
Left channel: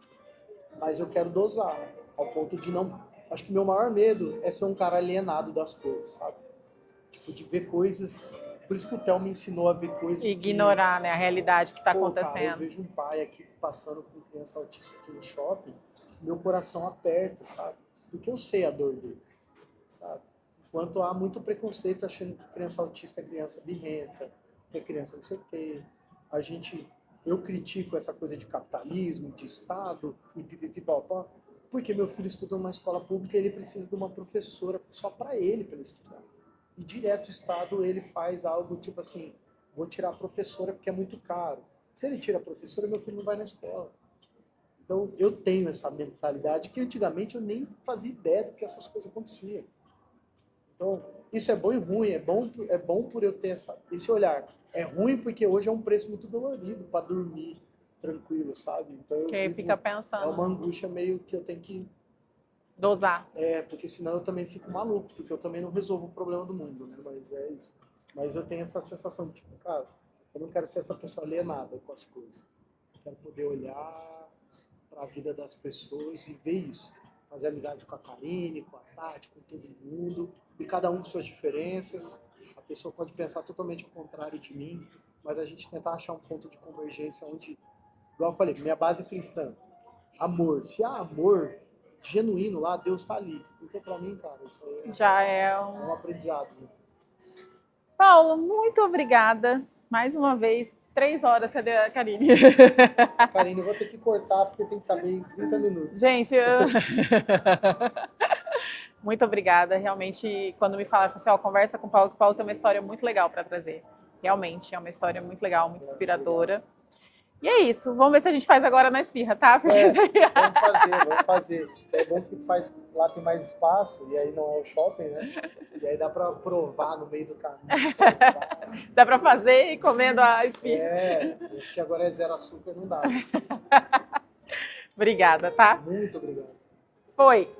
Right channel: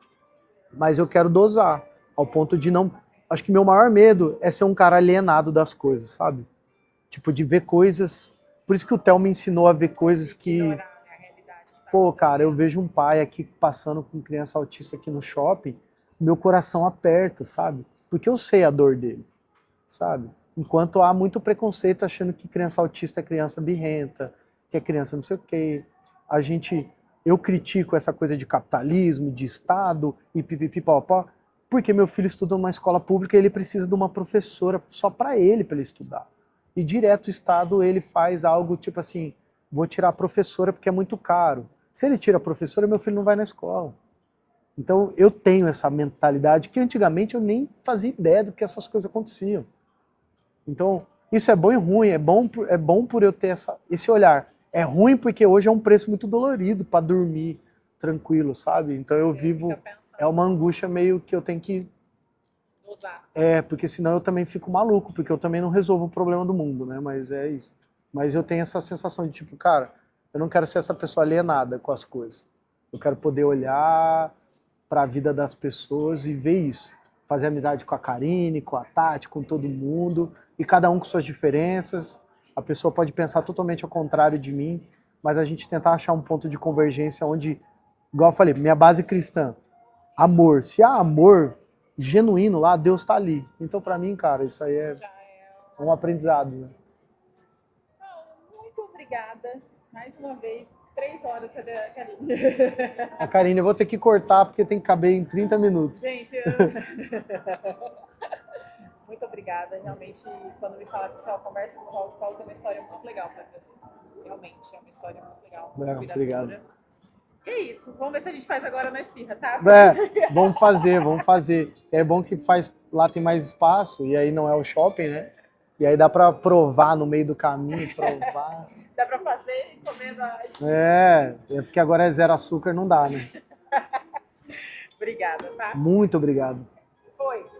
mas eu quero dosar, ao ponto de não... Acho que meu maior medo é ser um cara alienado das coisas, sabe? Tipo, de ver coisas... Por isso que o Theo me ensinou a ver coisas ignorar, né, a realidade que está Pô, acontecendo. cara, eu vejo um pai aqui passando com criança autista aqui no shopping, meu coração aperta, sabe? Porque eu sei a dor dele, sabe? Enquanto há muito preconceito achando que criança autista é criança birrenta, que é criança não sei o quê. Eu critico essa coisa de capitalismo, de Estado e pipipipopó, porque meu filho estuda numa escola pública e ele precisa de uma professora só para ele estudar. E direto o Estado ele faz algo tipo assim, vou tirar a professora porque é muito caro. Se ele tira a professora, meu filho não vai na escola. Então eu tenho essa mentalidade que antigamente eu nem fazia ideia do que essas coisas aconteciam. Então isso é bom e ruim, é bom por eu ter esse olhar. É ruim porque hoje é um preço muito dolorido para dormir tranquilo, sabe? Então eu vivo, fica pensando, é uma angústia meio que eu tenho que dosar. Porque senão eu também fico maluco, porque eu também não resolvo o problema do mundo, né? Mas é isso. Mas eu tenho essa sensação de tipo, cara, eu não quero ser essa pessoa alienada com as coisas. Eu quero poder olhar para a vida das pessoas e ver isso. Fazer amizade com a Karine, com a Tati, com todo mundo, e cada um com suas diferenças. A pessoa pode pensar totalmente ao contrário de mim, mas a gente tentar achar um ponto de convergência onde, igual eu falei, minha base cristã, amor. Se há amor genuíno lá, Deus está ali. Então, para mim, cara, isso aí já é um aprendizado. Né? Paulo, muito obrigada. Mais uma vez, 3 horas. Cadê a Karine? A Karine, eu vou ter que cortar porque tem que caber em 30 minutos. Gente, muito obrigada. Realmente, quando me falaram assim, conversa com o Paulo, que o Paulo tem uma história muito legal para trazer. Realmente, é uma história muito legal, muito inspiradora. Obrigado. E é isso. Vamos ver se a gente faz agora na esfirra, tá? Vamos fazer. É bom que lá tem mais espaço e aí não é o shopping, né? E aí dá para provar no meio do caminho. Provar. Dá para fazer e comendo a esfirra. Porque agora é 0 açúcar, não dá, né? Obrigada, tá? Muito obrigado. Foi.